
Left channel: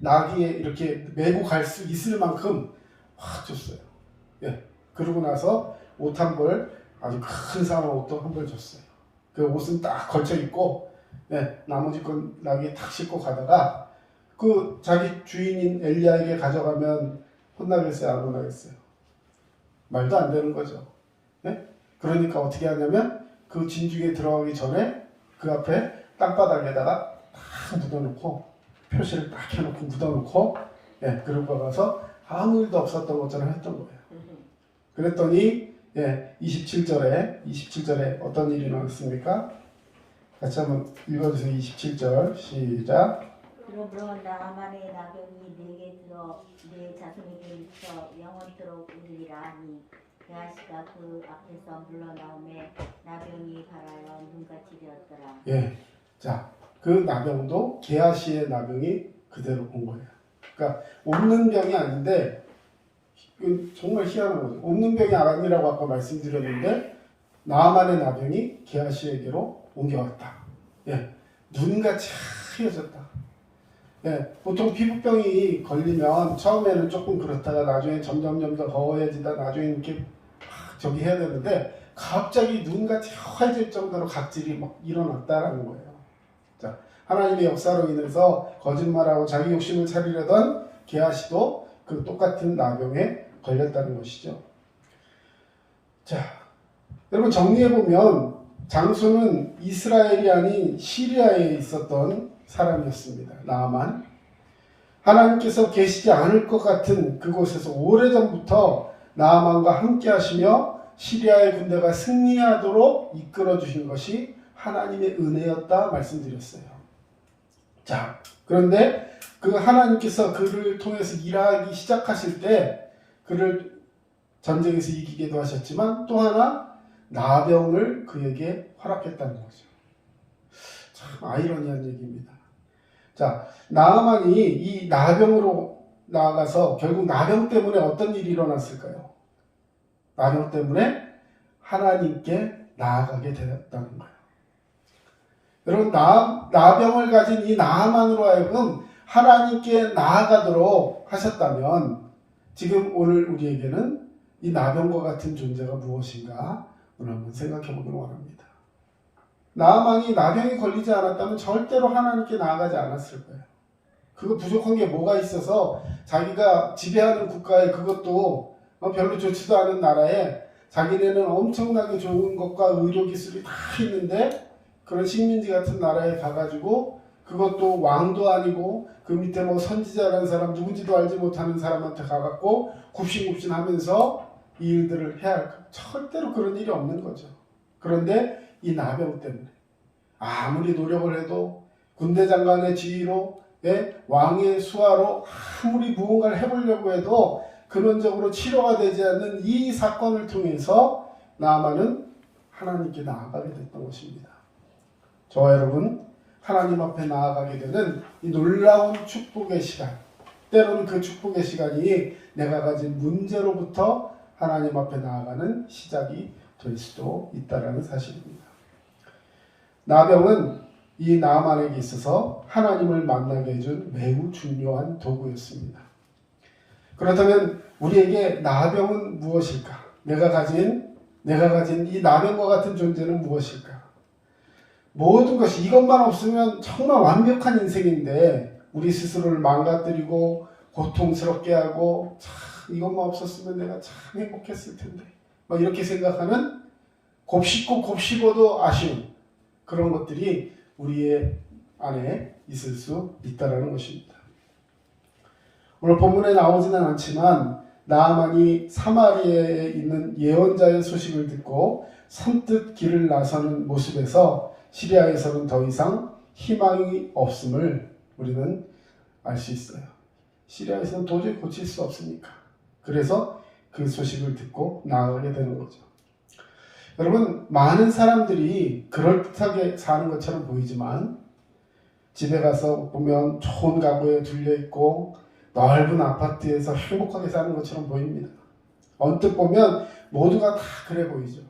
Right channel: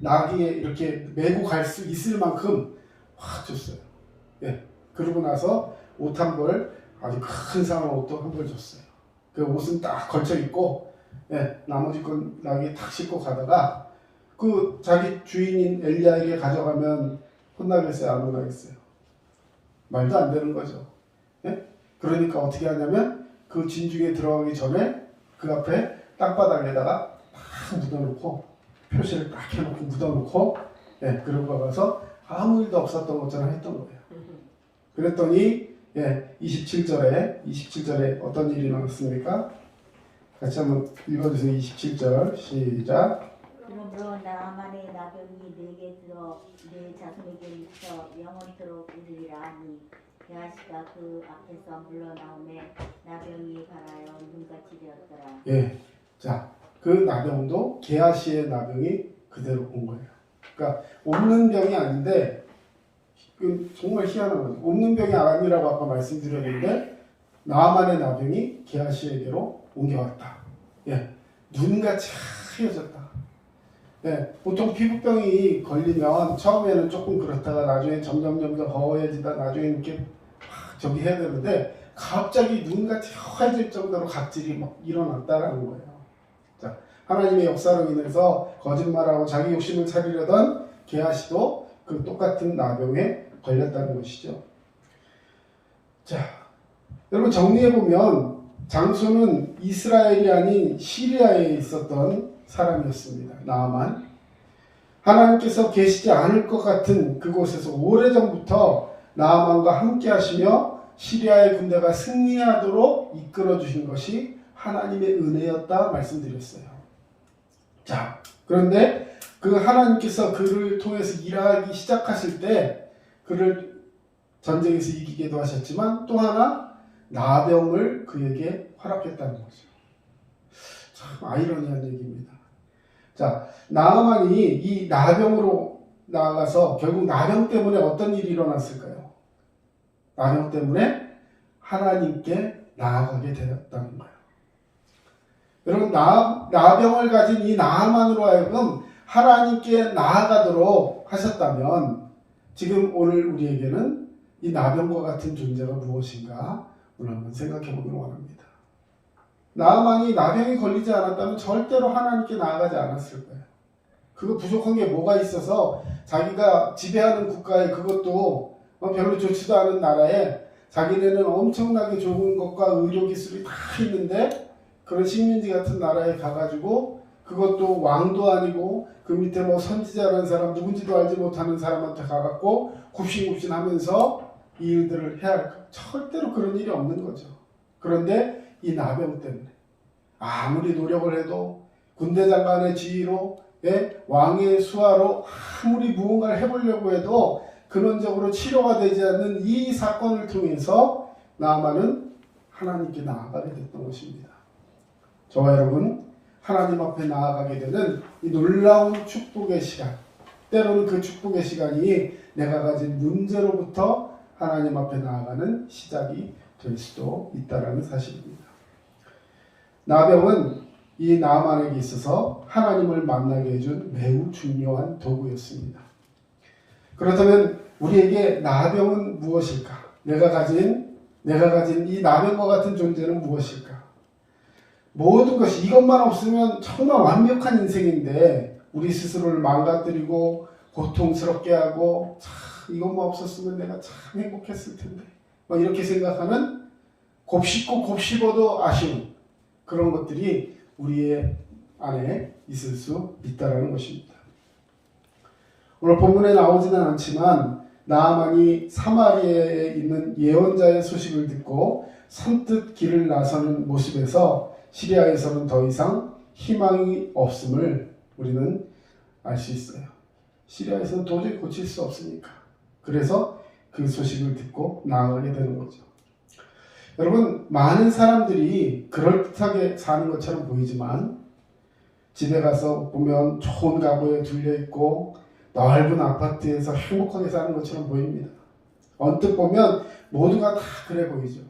나귀에 이렇게 메고 갈 수 있을 만큼 확 줬어요. 예. 그러고 나서 옷 한 벌, 아주 큰 상한 옷도 한 벌 줬어요. 그 옷은 딱 걸쳐 입고, 예, 나머지 건 나귀에 탁 싣고 가다가 그 자기 주인인 엘리야에게 가져가면 혼나겠어요, 안 혼나겠어요? 말도 안 되는 거죠. 예? 그러니까 어떻게 하냐면 그 진중에 들어가기 전에 그 앞에 땅바닥에다가 딱 묻어놓고 표시를 딱 해놓고 묻어놓고, 예, 그러고 가서 아무 일도 없었던 것처럼 했던 거예요. 그랬더니 27절에 어떤 일이 일어났습니까? 같이 한번 읽어주세요. 27절 시작. 그러므로 나아만의 나병이 내게 들어 내 자손에게 미쳐 영원토록 이르리라 하니 게하시가 그 앞에서 물러나오매 나병이 발하여 눈같이 되었더라. 예, 자, 그 나병도 게하시의 나병이 그대로 온 거예요. 그러니까 없는 병이 아닌데 정말 희한한 거죠. 없는 병이 아니라고 아까 말씀드렸는데 나아만의 나병이 게하시에게로 옮겨왔다. 예, 눈같이 하얘졌다. 예, 보통 피부병이 걸리면 처음에는 조금 그렇다가 나중에 점점 더 허해지다 나중에 이렇게 저기 해야 되는데 갑자기 눈같이 하얘질 정도로 각질이 막 일어났다라는 거예요. 자, 하나님의 역사로 인해서 거짓말하고 자기 욕심을 차리려던 게하시도 그 똑같은 나병에 걸렸다는 것이죠. 자, 여러분 정리해보면 장소는 이스라엘이 아닌 시리아에 있었던 사람이었습니다. 나아만. 하나님께서 계시지 않을 것 같은 그곳에서 오래전부터 나아만과 함께 하시며 시리아의 군대가 승리하도록 이끌어 주신 것이 하나님의 은혜였다 말씀드렸어요. 자, 그런데 그 하나님께서 그를 통해서 일하기 시작하실 때 그를 전쟁에서 이기게도 하셨지만 또 하나 나병을 그에게 허락했다는 거죠. 참 아이러니한 얘기입니다. 자, 나아만이 이 나병으로 나아가서 결국 나병 때문에 어떤 일이 일어났을까요? 나병 때문에 하나님께 나아가게 되었다는 거예요. 여러분 나병을 가진 이 나아만으로 하여금 하나님께 나아가도록 하셨다면 지금 오늘 우리에게는 이 나병과 같은 존재가 무엇인가 오늘 한번 생각해 보길 원합니다. 나아만이 나병이 걸리지 않았다면 절대로 하나님께 나아가지 않았을 거예요. 그거 부족한 게 뭐가 있어서 자기가 지배하는 국가에 그것도 별로 좋지도 않은 나라에 자기네는 엄청나게 좋은 것과 의료기술이 다 있는데 그런 식민지 같은 나라에 가가지고 그것도 왕도 아니고 그 밑에 뭐 선지자라는 사람 누군지도 알지 못하는 사람한테 가갖고 굽신굽신하면서 이 일들을 해야 할까? 절대로 그런 일이 없는 거죠. 그런데 이 나병 때문에 아무리 노력을 해도 군대 장관의 지휘로 왕의 수하로 아무리 무언가를 해보려고 해도 근원적으로 치료가 되지 않는 이 사건을 통해서 나아만은 하나님께 나아가게 됐던 것입니다. 저와 여러분 하나님 앞에 나아가게 되는 이 놀라운 축복의 시간, 때로는 그 축복의 시간이 내가 가진 문제로부터 하나님 앞에 나아가는 시작이 될 수도 있다는 사실입니다. 나병은 이 나아만에게 있어서 하나님을 만나게 해준 매우 중요한 도구였습니다. 그렇다면 우리에게 나병은 무엇일까? 내가 가진 이 나병과 같은 존재는 무엇일까? 모든 것이 이것만 없으면 정말 완벽한 인생인데 우리 스스로를 망가뜨리고 고통스럽게 하고 참 이것만 없었으면 내가 참 행복했을 텐데 막 이렇게 생각하는 곱씹고 곱씹어도 아쉬운 그런 것들이 우리의 안에 있을 수 있다는 것입니다. 오늘 본문에 나오지는 않지만 나아만이 사마리아에 있는 예언자의 소식을 듣고 선뜻 길을 나서는 모습에서 시리아에서는 더 이상 희망이 없음을 우리는 알 수 있어요. 시리아에서는 도저히 고칠 수 없으니까. 그래서 그 소식을 듣고 나아가게 되는 거죠. 여러분, 많은 사람들이 그럴듯하게 사는 것처럼 보이지만 집에 가서 보면 좋은 가구에 둘려있고 넓은 아파트에서 행복하게 사는 것처럼 보입니다. 언뜻 보면 모두가 다 그래 보이죠.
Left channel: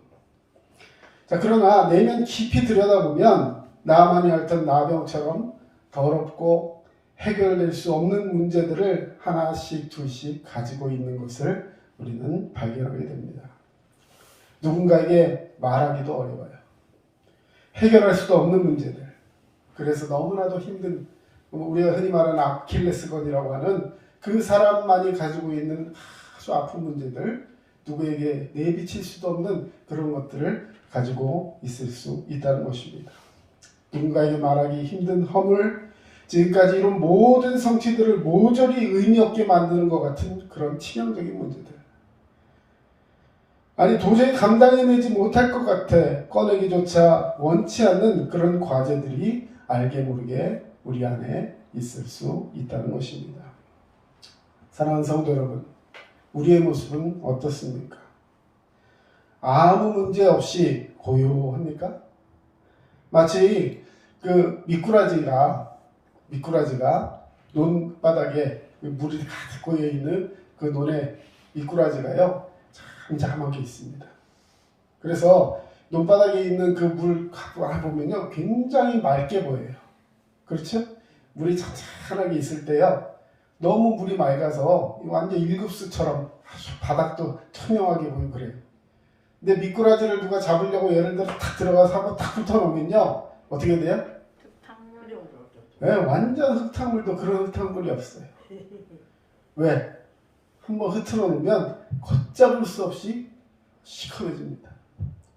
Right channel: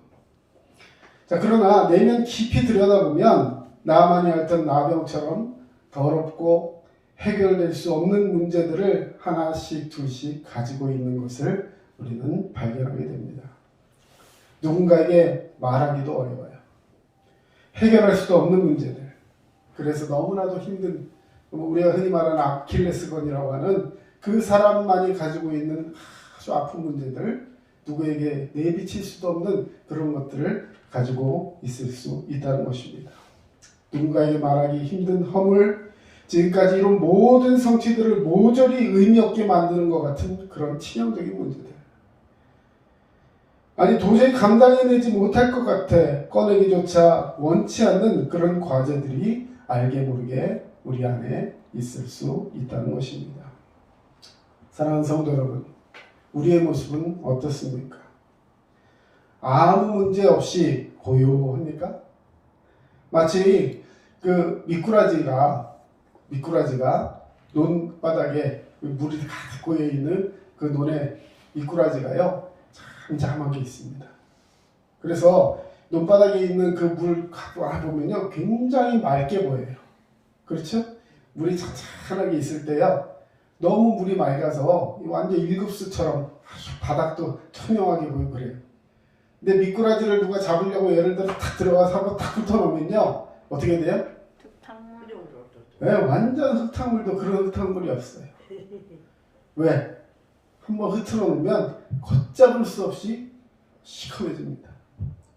자, 그러나 내면 깊이 들여다보면 나아만이 앓던 나병처럼 더럽고 해결될 수 없는 문제들을 하나씩 둘씩 가지고 있는 것을 우리는 발견하게 됩니다. 누군가에게 말하기도 어려워요. 해결할 수도 없는 문제들. 그래서 너무나도 힘든 우리가 흔히 말하는 아킬레스건이라고 하는 그 사람만이 가지고 있는 아주 아픈 문제들, 누구에게 내비칠 수도 없는 그런 것들을 가지고 있을 수 있다는 것입니다. 누군가에게 말하기 힘든 허물, 지금까지 이룬 모든 성취들을 모조리 의미 없게 만드는 것 같은 그런 치명적인 문제들. 아니 도저히 감당해내지 못할 것 같아 꺼내기조차 원치 않는 그런 과제들이 알게 모르게 우리 안에 있을 수 있다는 것입니다. 사랑하는 성도 여러분, 우리의 모습은 어떻습니까? 아무 문제 없이 고요합니까? 마치 그 미꾸라지가 논바닥에 물이 가득 고여 있는 그 논에 미꾸라지가요 잠잠하게 있습니다. 그래서 논바닥에 있는 그 물 보면요 굉장히 맑게 보여요. 그렇죠? 물이 찬찬하게 있을 때요 너무 물이 맑아서 완전 일급수처럼 아주 바닥도 투명하게 보이고 그래요. 근데 미꾸라지를 누가 잡으려고 예를 들어 탁 들어가서 한번 탁 붙어놓으면요 어떻게 돼요? 네, 완전 흙탕물도 그런 흙탕물이 없어요. 왜? 한번 흐트러 놓으면 걷잡을 수 없이 시커매집니다.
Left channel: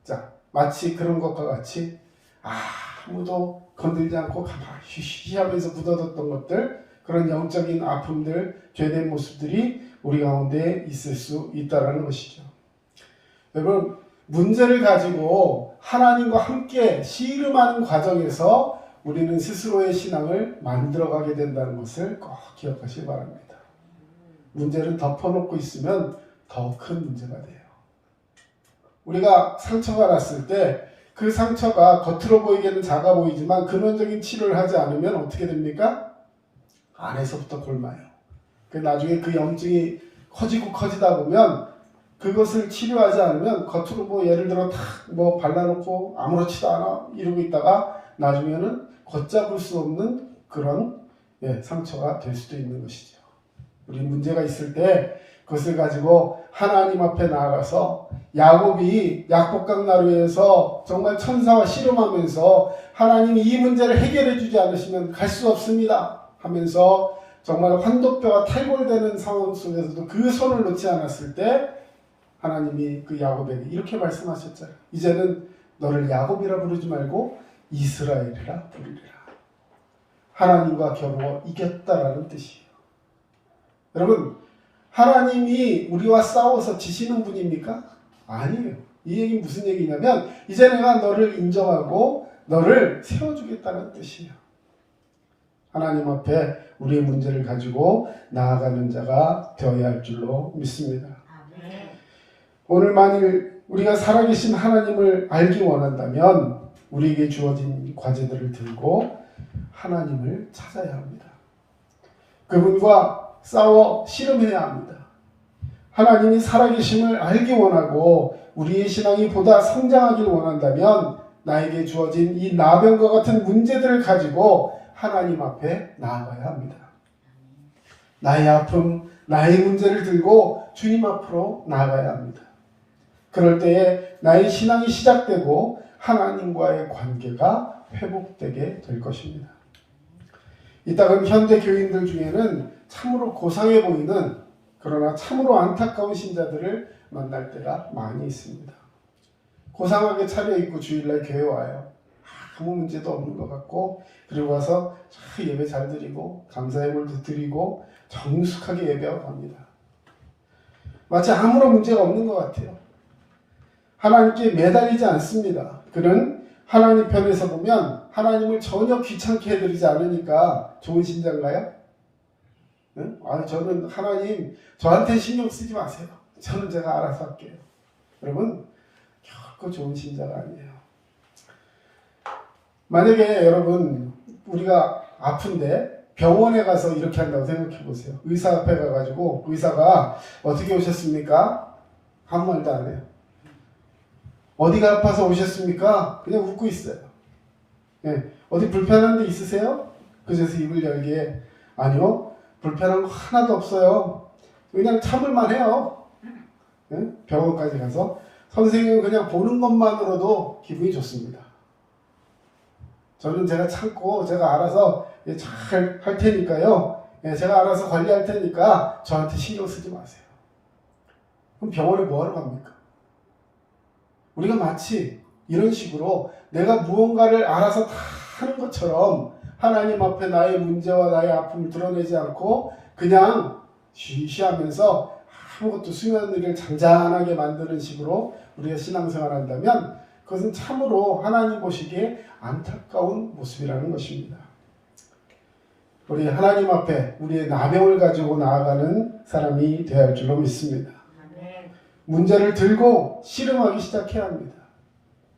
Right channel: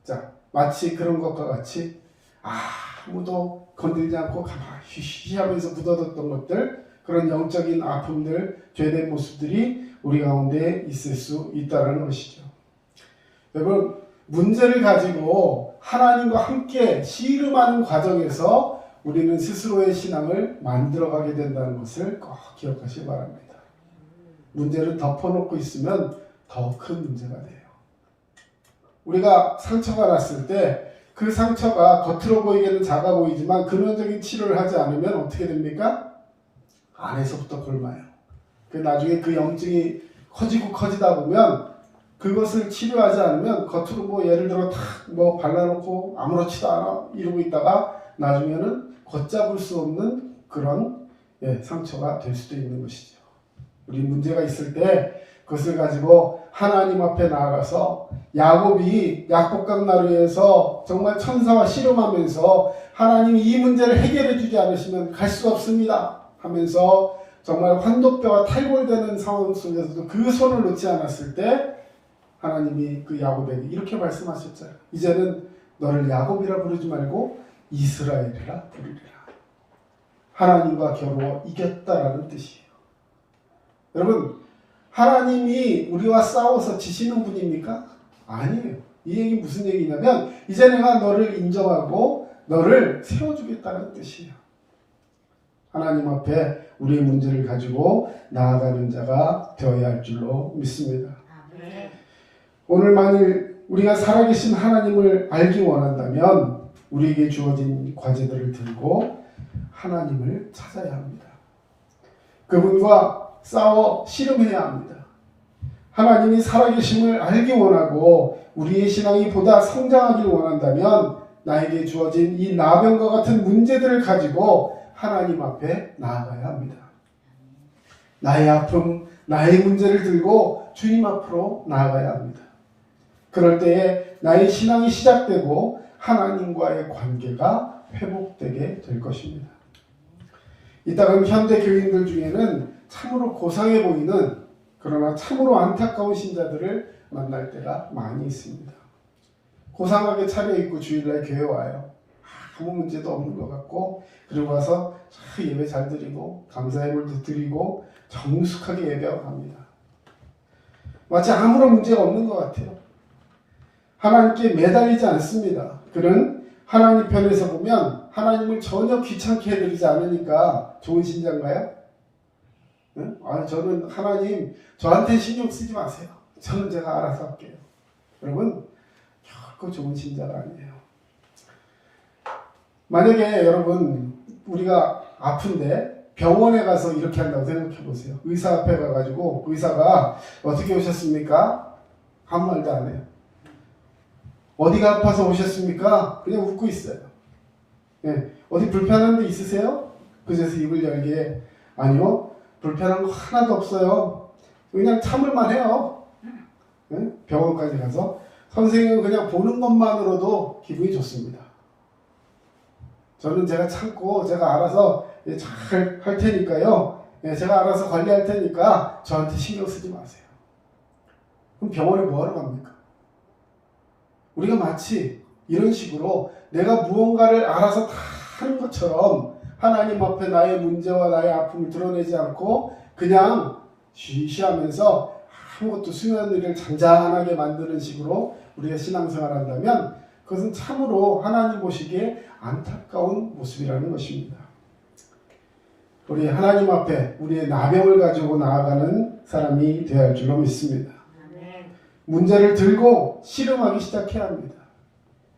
자, 마치 그런 것과 같이 아무도 건들지 않고 가만히 쉬쉬하면서 묻어뒀던 것들, 그런 영적인 아픔들, 죄된 모습들이 우리 가운데 있을 수 있다는 것이죠. 여러분, 문제를 가지고 하나님과 함께 씨름하는 과정에서 우리는 스스로의 신앙을 만들어가게 된다는 것을 꼭 기억하시기 바랍니다. 문제를 덮어놓고 있으면 더 큰 문제가 돼요. 우리가 상처가 났을 때 그 상처가 겉으로 보이기에는 작아 보이지만 근원적인 치료를 하지 않으면 어떻게 됩니까? 안에서부터 골마요. 나중에 그 염증이 커지고 커지다 보면 그것을 치료하지 않으면 겉으로 뭐 예를 들어 탁 뭐 발라놓고 아무렇지도 않아 이러고 있다가 나중에는 걷잡을 수 없는 그런 상처가 될 수도 있는 것이죠. 우리 문제가 있을 때 그것을 가지고 하나님 앞에 나아가서 야곱이 약복강 나루에서 정말 천사와 씨름하면서 하나님이 이 문제를 해결해 주지 않으시면 갈 수 없습니다 하면서 정말 환도뼈가 탈골되는 상황 속에서도 그 손을 놓지 않았을 때 하나님이 그 야곱에게 이렇게 말씀하셨잖아요. 이제는 너를 야곱이라 부르지 말고 이스라엘이라 부르리라. 하나님과 겨루어 이겼다라는 뜻이에요. 여러분, 하나님이 우리와 싸워서 지시는 분입니까? 아니에요. 이 얘기 무슨 얘기냐면 이제 내가 너를 인정하고 너를 세워주겠다는 뜻이에요. 하나님 앞에 우리의 문제를 가지고 나아가는 자가 되어야 할 줄로 믿습니다. 아멘. 오늘 만일 우리가 살아계신 하나님을 알기 원한다면 우리에게 주어진 과제들을 들고 하나님을 찾아야 합니다. 그분과 싸워 씨름해야 합니다. 하나님이 살아계심을 알기 원하고 우리의 신앙이 보다 성장하길 원한다면 나에게 주어진 이 나병과 같은 문제들을 가지고 하나님 앞에 나아가야 합니다. 나의 아픔, 나의 문제를 들고 주님 앞으로 나아가야 합니다. 그럴 때에 나의 신앙이 시작되고 하나님과의 관계가 회복되게 될 것입니다. 이따금 현대 교인들 중에는 참으로 고상해 보이는 그러나 참으로 안타까운 신자들을 만날 때가 많이 있습니다. 고상하게 차려입고 주일날 교회 와요. 아무 문제도 없는 것 같고 그리고 와서 예배 잘 드리고 감사의 물도 드리고 정숙하게 예배하고 갑니다. 마치 아무런 문제가 없는 것 같아요. 하나님께 매달리지 않습니다. 그는 하나님 편에서 보면 하나님을 전혀 귀찮게 해드리지 않으니까 좋은 신자인가요? 네? 저는 하나님 저한테 신경 쓰지 마세요. 저는 제가 알아서 할게요. 여러분 결코 좋은 신자가 아니에요. 만약에 여러분 우리가 아픈데 병원에 가서 이렇게 한다고 생각해 보세요. 의사 앞에 가가지고 의사가 어떻게 오셨습니까? 아무 말도 안 해요. 어디가 아파서 오셨습니까? 그냥 웃고 있어요. 예. 어디 불편한 데 있으세요? 그래서 입을 열기에 아니요. 불편한 거 하나도 없어요. 그냥 참을만 해요. 예? 병원까지 가서 선생님은 그냥 보는 것만으로도 기분이 좋습니다. 저는 제가 참고 제가 알아서 잘 할 테니까요. 예, 제가 알아서 관리할 테니까 저한테 신경 쓰지 마세요. 그럼 병원에 뭐하러 갑니까? 우리가 마치 이런 식으로 내가 무언가를 알아서 다 하는 것처럼 하나님 앞에 나의 문제와 나의 아픔을 드러내지 않고 그냥 쉬쉬하면서 아무것도 수면 일을 잔잔하게 만드는 식으로 우리가 신앙생활을 한다면 그것은 참으로 하나님 보시기에 안타까운 모습이라는 것입니다. 우리 하나님 앞에 우리의 나병을 가지고 나아가는 사람이 되어야 할 줄로 믿습니다. 아멘. 문제를 들고 씨름하기 시작해야 합니다.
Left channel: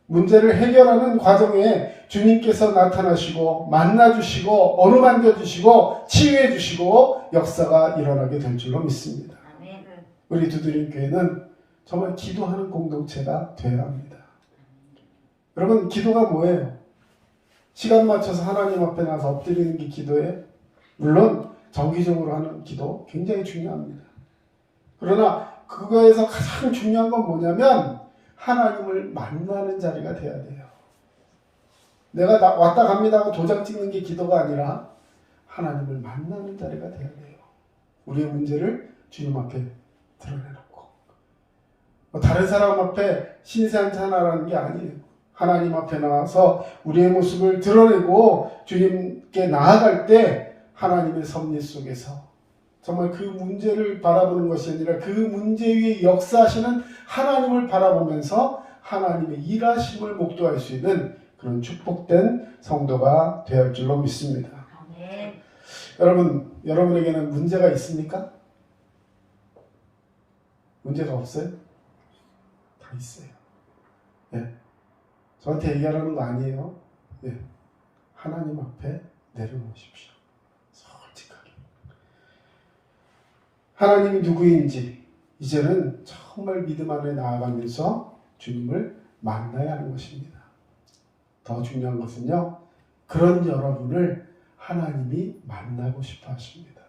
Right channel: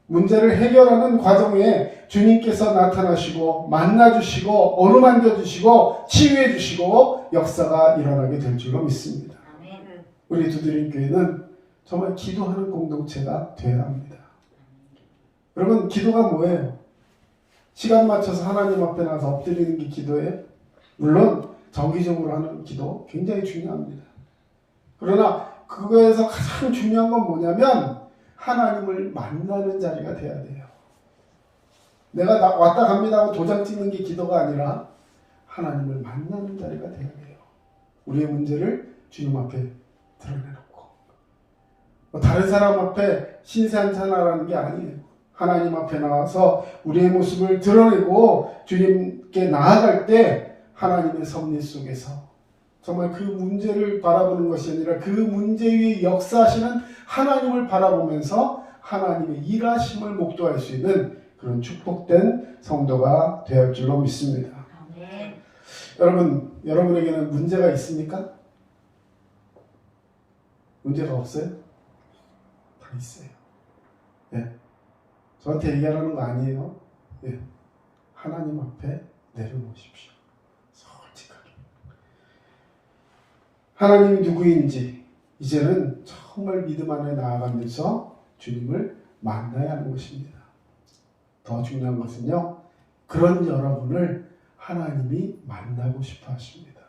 문제를 해결하는 과정에 주님께서 나타나시고 만나주시고 어루만져주시고 치유해주시고 역사가 일어나게 될 줄로 믿습니다. 아멘. 우리 두드림 교회는 정말 기도하는 공동체가 되어야 합니다. 여러분 기도가 뭐예요? 시간 맞춰서 하나님 앞에 나서 엎드리는 게 기도예요? 물론 정기적으로 하는 기도 굉장히 중요합니다. 그러나 그거에서 가장 중요한 건 뭐냐면 하나님을 만나는 자리가 돼야 돼요. 내가 왔다 갑니다 하고 도장 찍는 게 기도가 아니라 하나님을 만나는 자리가 되어야 돼요. 우리의 문제를 주님 앞에 드러내놓고 다른 사람 앞에 신세한탄하라는 게 아니에요. 하나님 앞에 나와서 우리의 모습을 드러내고 주님께 나아갈 때 하나님의 섭리 속에서 정말 그 문제를 바라보는 것이 아니라 그 문제 위에 역사하시는 하나님을 바라보면서 하나님의 일하심을 목도할 수 있는 그런 축복된 성도가 되어야 할 줄로 믿습니다. 아멘. 여러분에게는 문제가 있습니까? 문제가 없어요? 다 있어요. 네. 저한테 얘기하라는 거 아니에요. 네. 하나님 앞에 내려놓으십시오. 솔직하게. 하나님이 누구인지 이제는 정말 믿음 안에 나아가면서 주님을 만나야 하는 것입니다. 더 중요한 것은요, 그런 여러분을 하나님이 만나고 싶어 하십니다.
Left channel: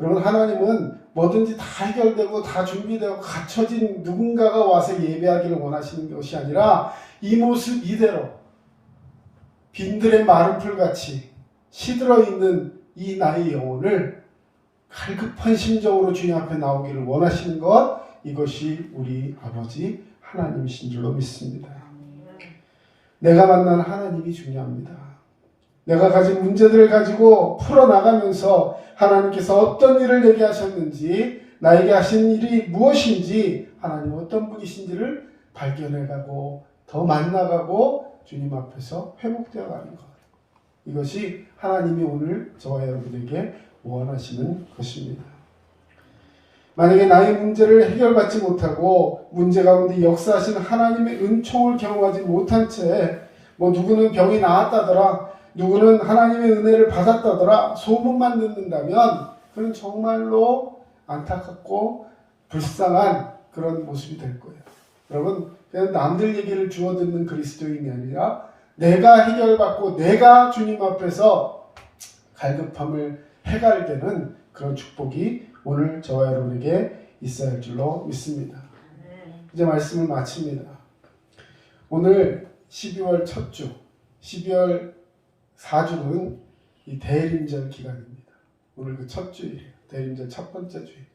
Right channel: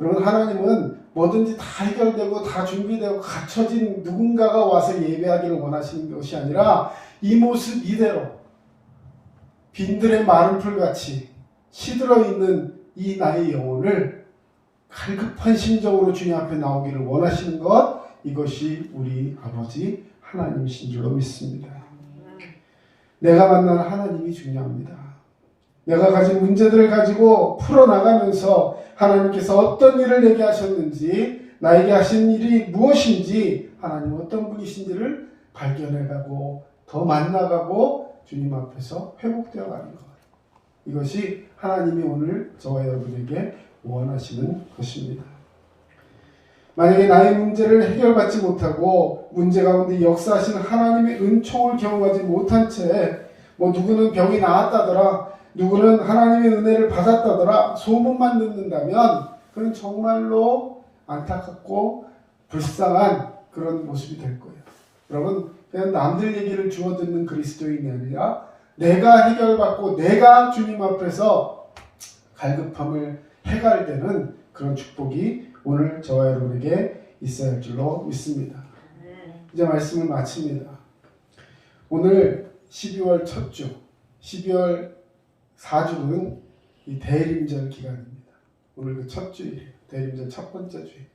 여러분, 하나님은 뭐든지 다 해결되고 다 준비되고 갖춰진 누군가가 와서 예배하기를 원하시는 것이 아니라 이 모습 이대로 빈들의 마른 풀같이 시들어 있는 이 나의 영혼을 갈급한 심정으로 주님 앞에 나오기를 원하시는 것, 이것이 우리 아버지 하나님이신 줄로 믿습니다. 내가 만난 하나님이 중요합니다. 내가 가진 문제들을 가지고 풀어나가면서 하나님께서 어떤 일을 내게 하셨는지, 나에게 하신 일이 무엇인지, 하나님 어떤 분이신지를 발견해가고 더 만나가고 주님 앞에서 회복되어 가는 것, 이것이 하나님이 오늘 저와 여러분에게 원하시는 것입니다. 만약에 나의 문제를 해결받지 못하고 문제 가운데 역사하시는 하나님의 은총을 경험하지 못한 채 누구는 병이 나았다더라, 누구는 하나님의 은혜를 받았다더라 소문만 듣는다면 그건 정말로 안타깝고 불쌍한 그런 모습이 될 거예요. 여러분, 그냥 남들 얘기를 주워 듣는 그리스도인이 아니라 내가 해결받고 내가 주님 앞에서 갈급함을 해갈되는 그런 축복이 오늘 저와 여러분에게 있어야 할 줄로 믿습니다. 이제 말씀을 마칩니다. 오늘 12월 첫 주, 12월 4주는 이 대림절 기간입니다. 오늘 그 첫 주일이에요. 대림절 첫 번째 주일.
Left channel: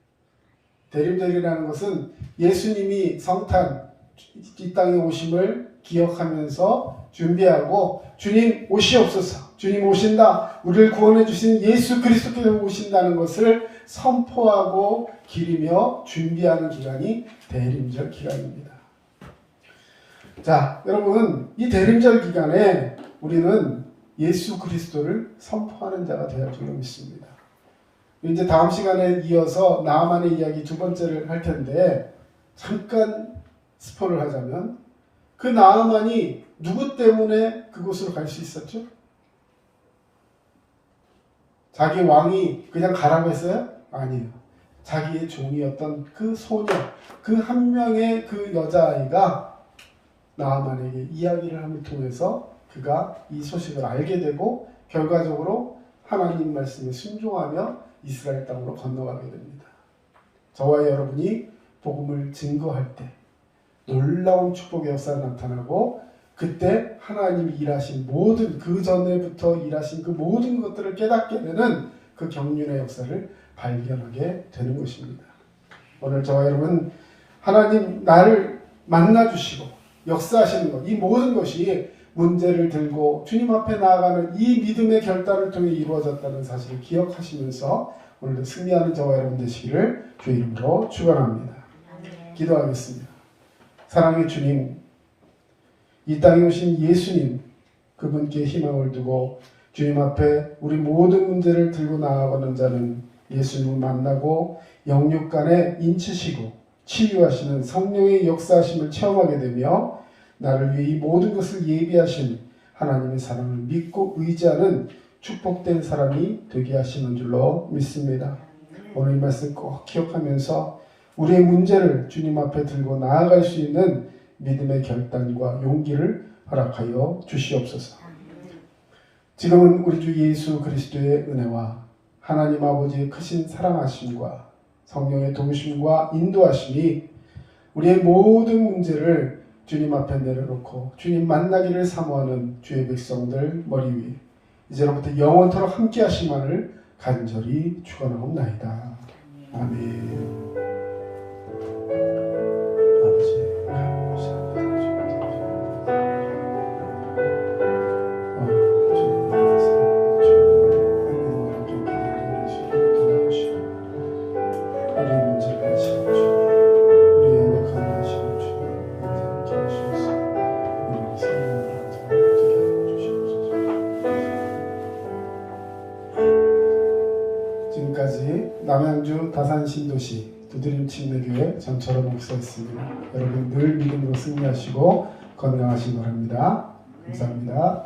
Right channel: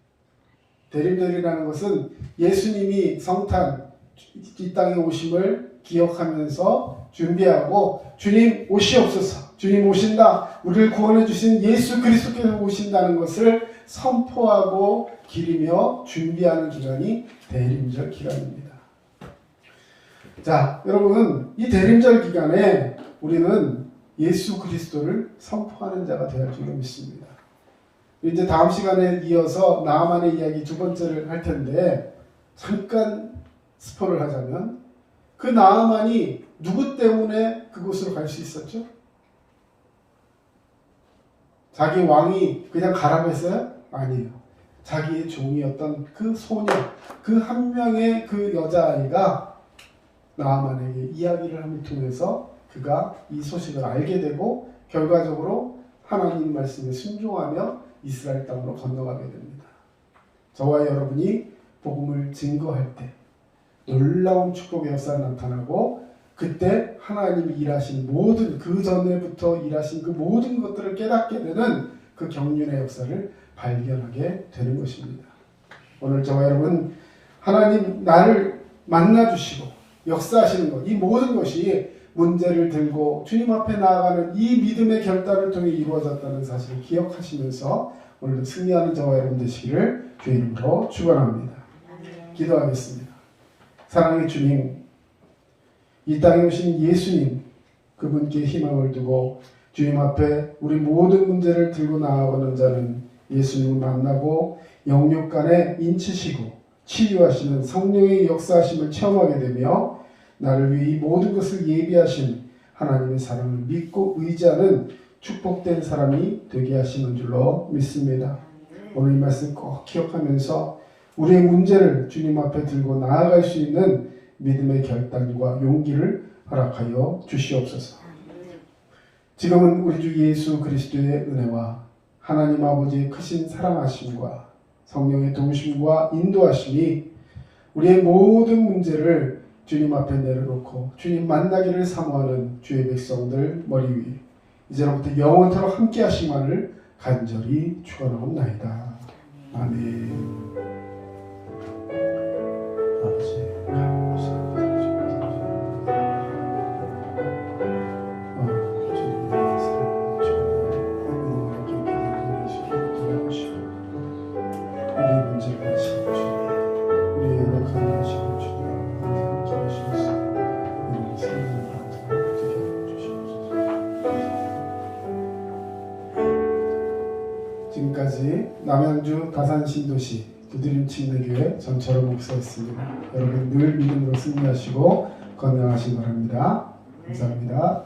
대림절이라는 것은 예수님이 성탄, 이 땅에 오심을 기억하면서 준비하고 주님 오시옵소서, 주님 오신다, 우리를 구원해 주신 예수 그리스도께서 오신다는 것을 선포하고 기리며 준비하는 기간이 대림절 기간입니다. 자, 여러분, 이 대림절 기간에 우리는 예수 그리스도를 선포하는 자가 되어야 할 줄로 믿습니다. 이제 다음 시간에 이어서 나아만의 이야기 두 번째를 할 텐데, 잠깐 스포를 하자면 그 나아만이 누구 때문에 그곳으로 갈 수 있었죠? 자기 왕이 그냥 가라고 했어요? 아니에요. 자기의 종이었던 그 소녀, 그 한 명의 그 여자아이가 나아만에게 이야기를 함을 통해서 그가 이 소식을 알게 되고 결과적으로 하나님 말씀에 순종하며 이스라엘 땅으로 건너가게 됩니다. 저와 여러분이 복음을 증거할 때 놀라운 축복의 역사가 나타나고, 그때 하나님이 일하신 모든, 그 전에부터 일하신 그 모든 것들을 깨닫게 되는 그 경륜의 역사를 발견하게 되는 것입니다. 오늘 저와 여러분, 하나님 나를 만나주시고 역사하시는 것, 이 모든 것이 문제를 들고 주님 앞에 나아가는 이 믿음의 결단을 통해 이루어졌다는 사실을 기억하시면서 오늘도 승리하는 저와 여러분 되시기를 주의 이름으로 축원합니다. 기도하겠습니다. 사랑의 주님, 이 땅에 오신 예수님, 그분께 희망을 두고 주님 앞에 우리 모든 문제를 들고 나아가는 자는 예수님을 만나고 영육 간에 인치시고 치유하시는 성령의 역사하심을 체험하게 되며 나를 위해 이 모든 것을 예비하신 하나님의 사랑을 믿고 의지하는 축복된 사람이 되게 하시는 줄로 믿습니다. 오늘 이 말씀 꼭 기억하면서 우리의 문제를 주님 앞에 들고 나아갈 수 있는 믿음의 결단과 용기를 허락하여 주시옵소서. 지금은 우리 주 예수 그리스도의 은혜와 하나님 아버지의 크신 사랑하심과 성령의 도우심과 인도하심이 우리의 모든 문제를 주님 앞에 내려놓고 주님 만나기를 사모하는 주의 백성들 머리 위에 이제로부터 영원토록 함께 하시만을 간절히 축원하옵나이다. 아멘. 아버지 감사합니다. 우리 문제를 아시는 주님, 우리 연약함을 아시는 주님, 함께 하셔서 우리 생명을 얻게 하여 주시옵소서. 지금까지 남양주 다산신도시 두드림 침례교회 전철호 목사였습니다. 여러분 늘 믿음으로 승리하시고 건강하시기 바랍니다. 감사합니다.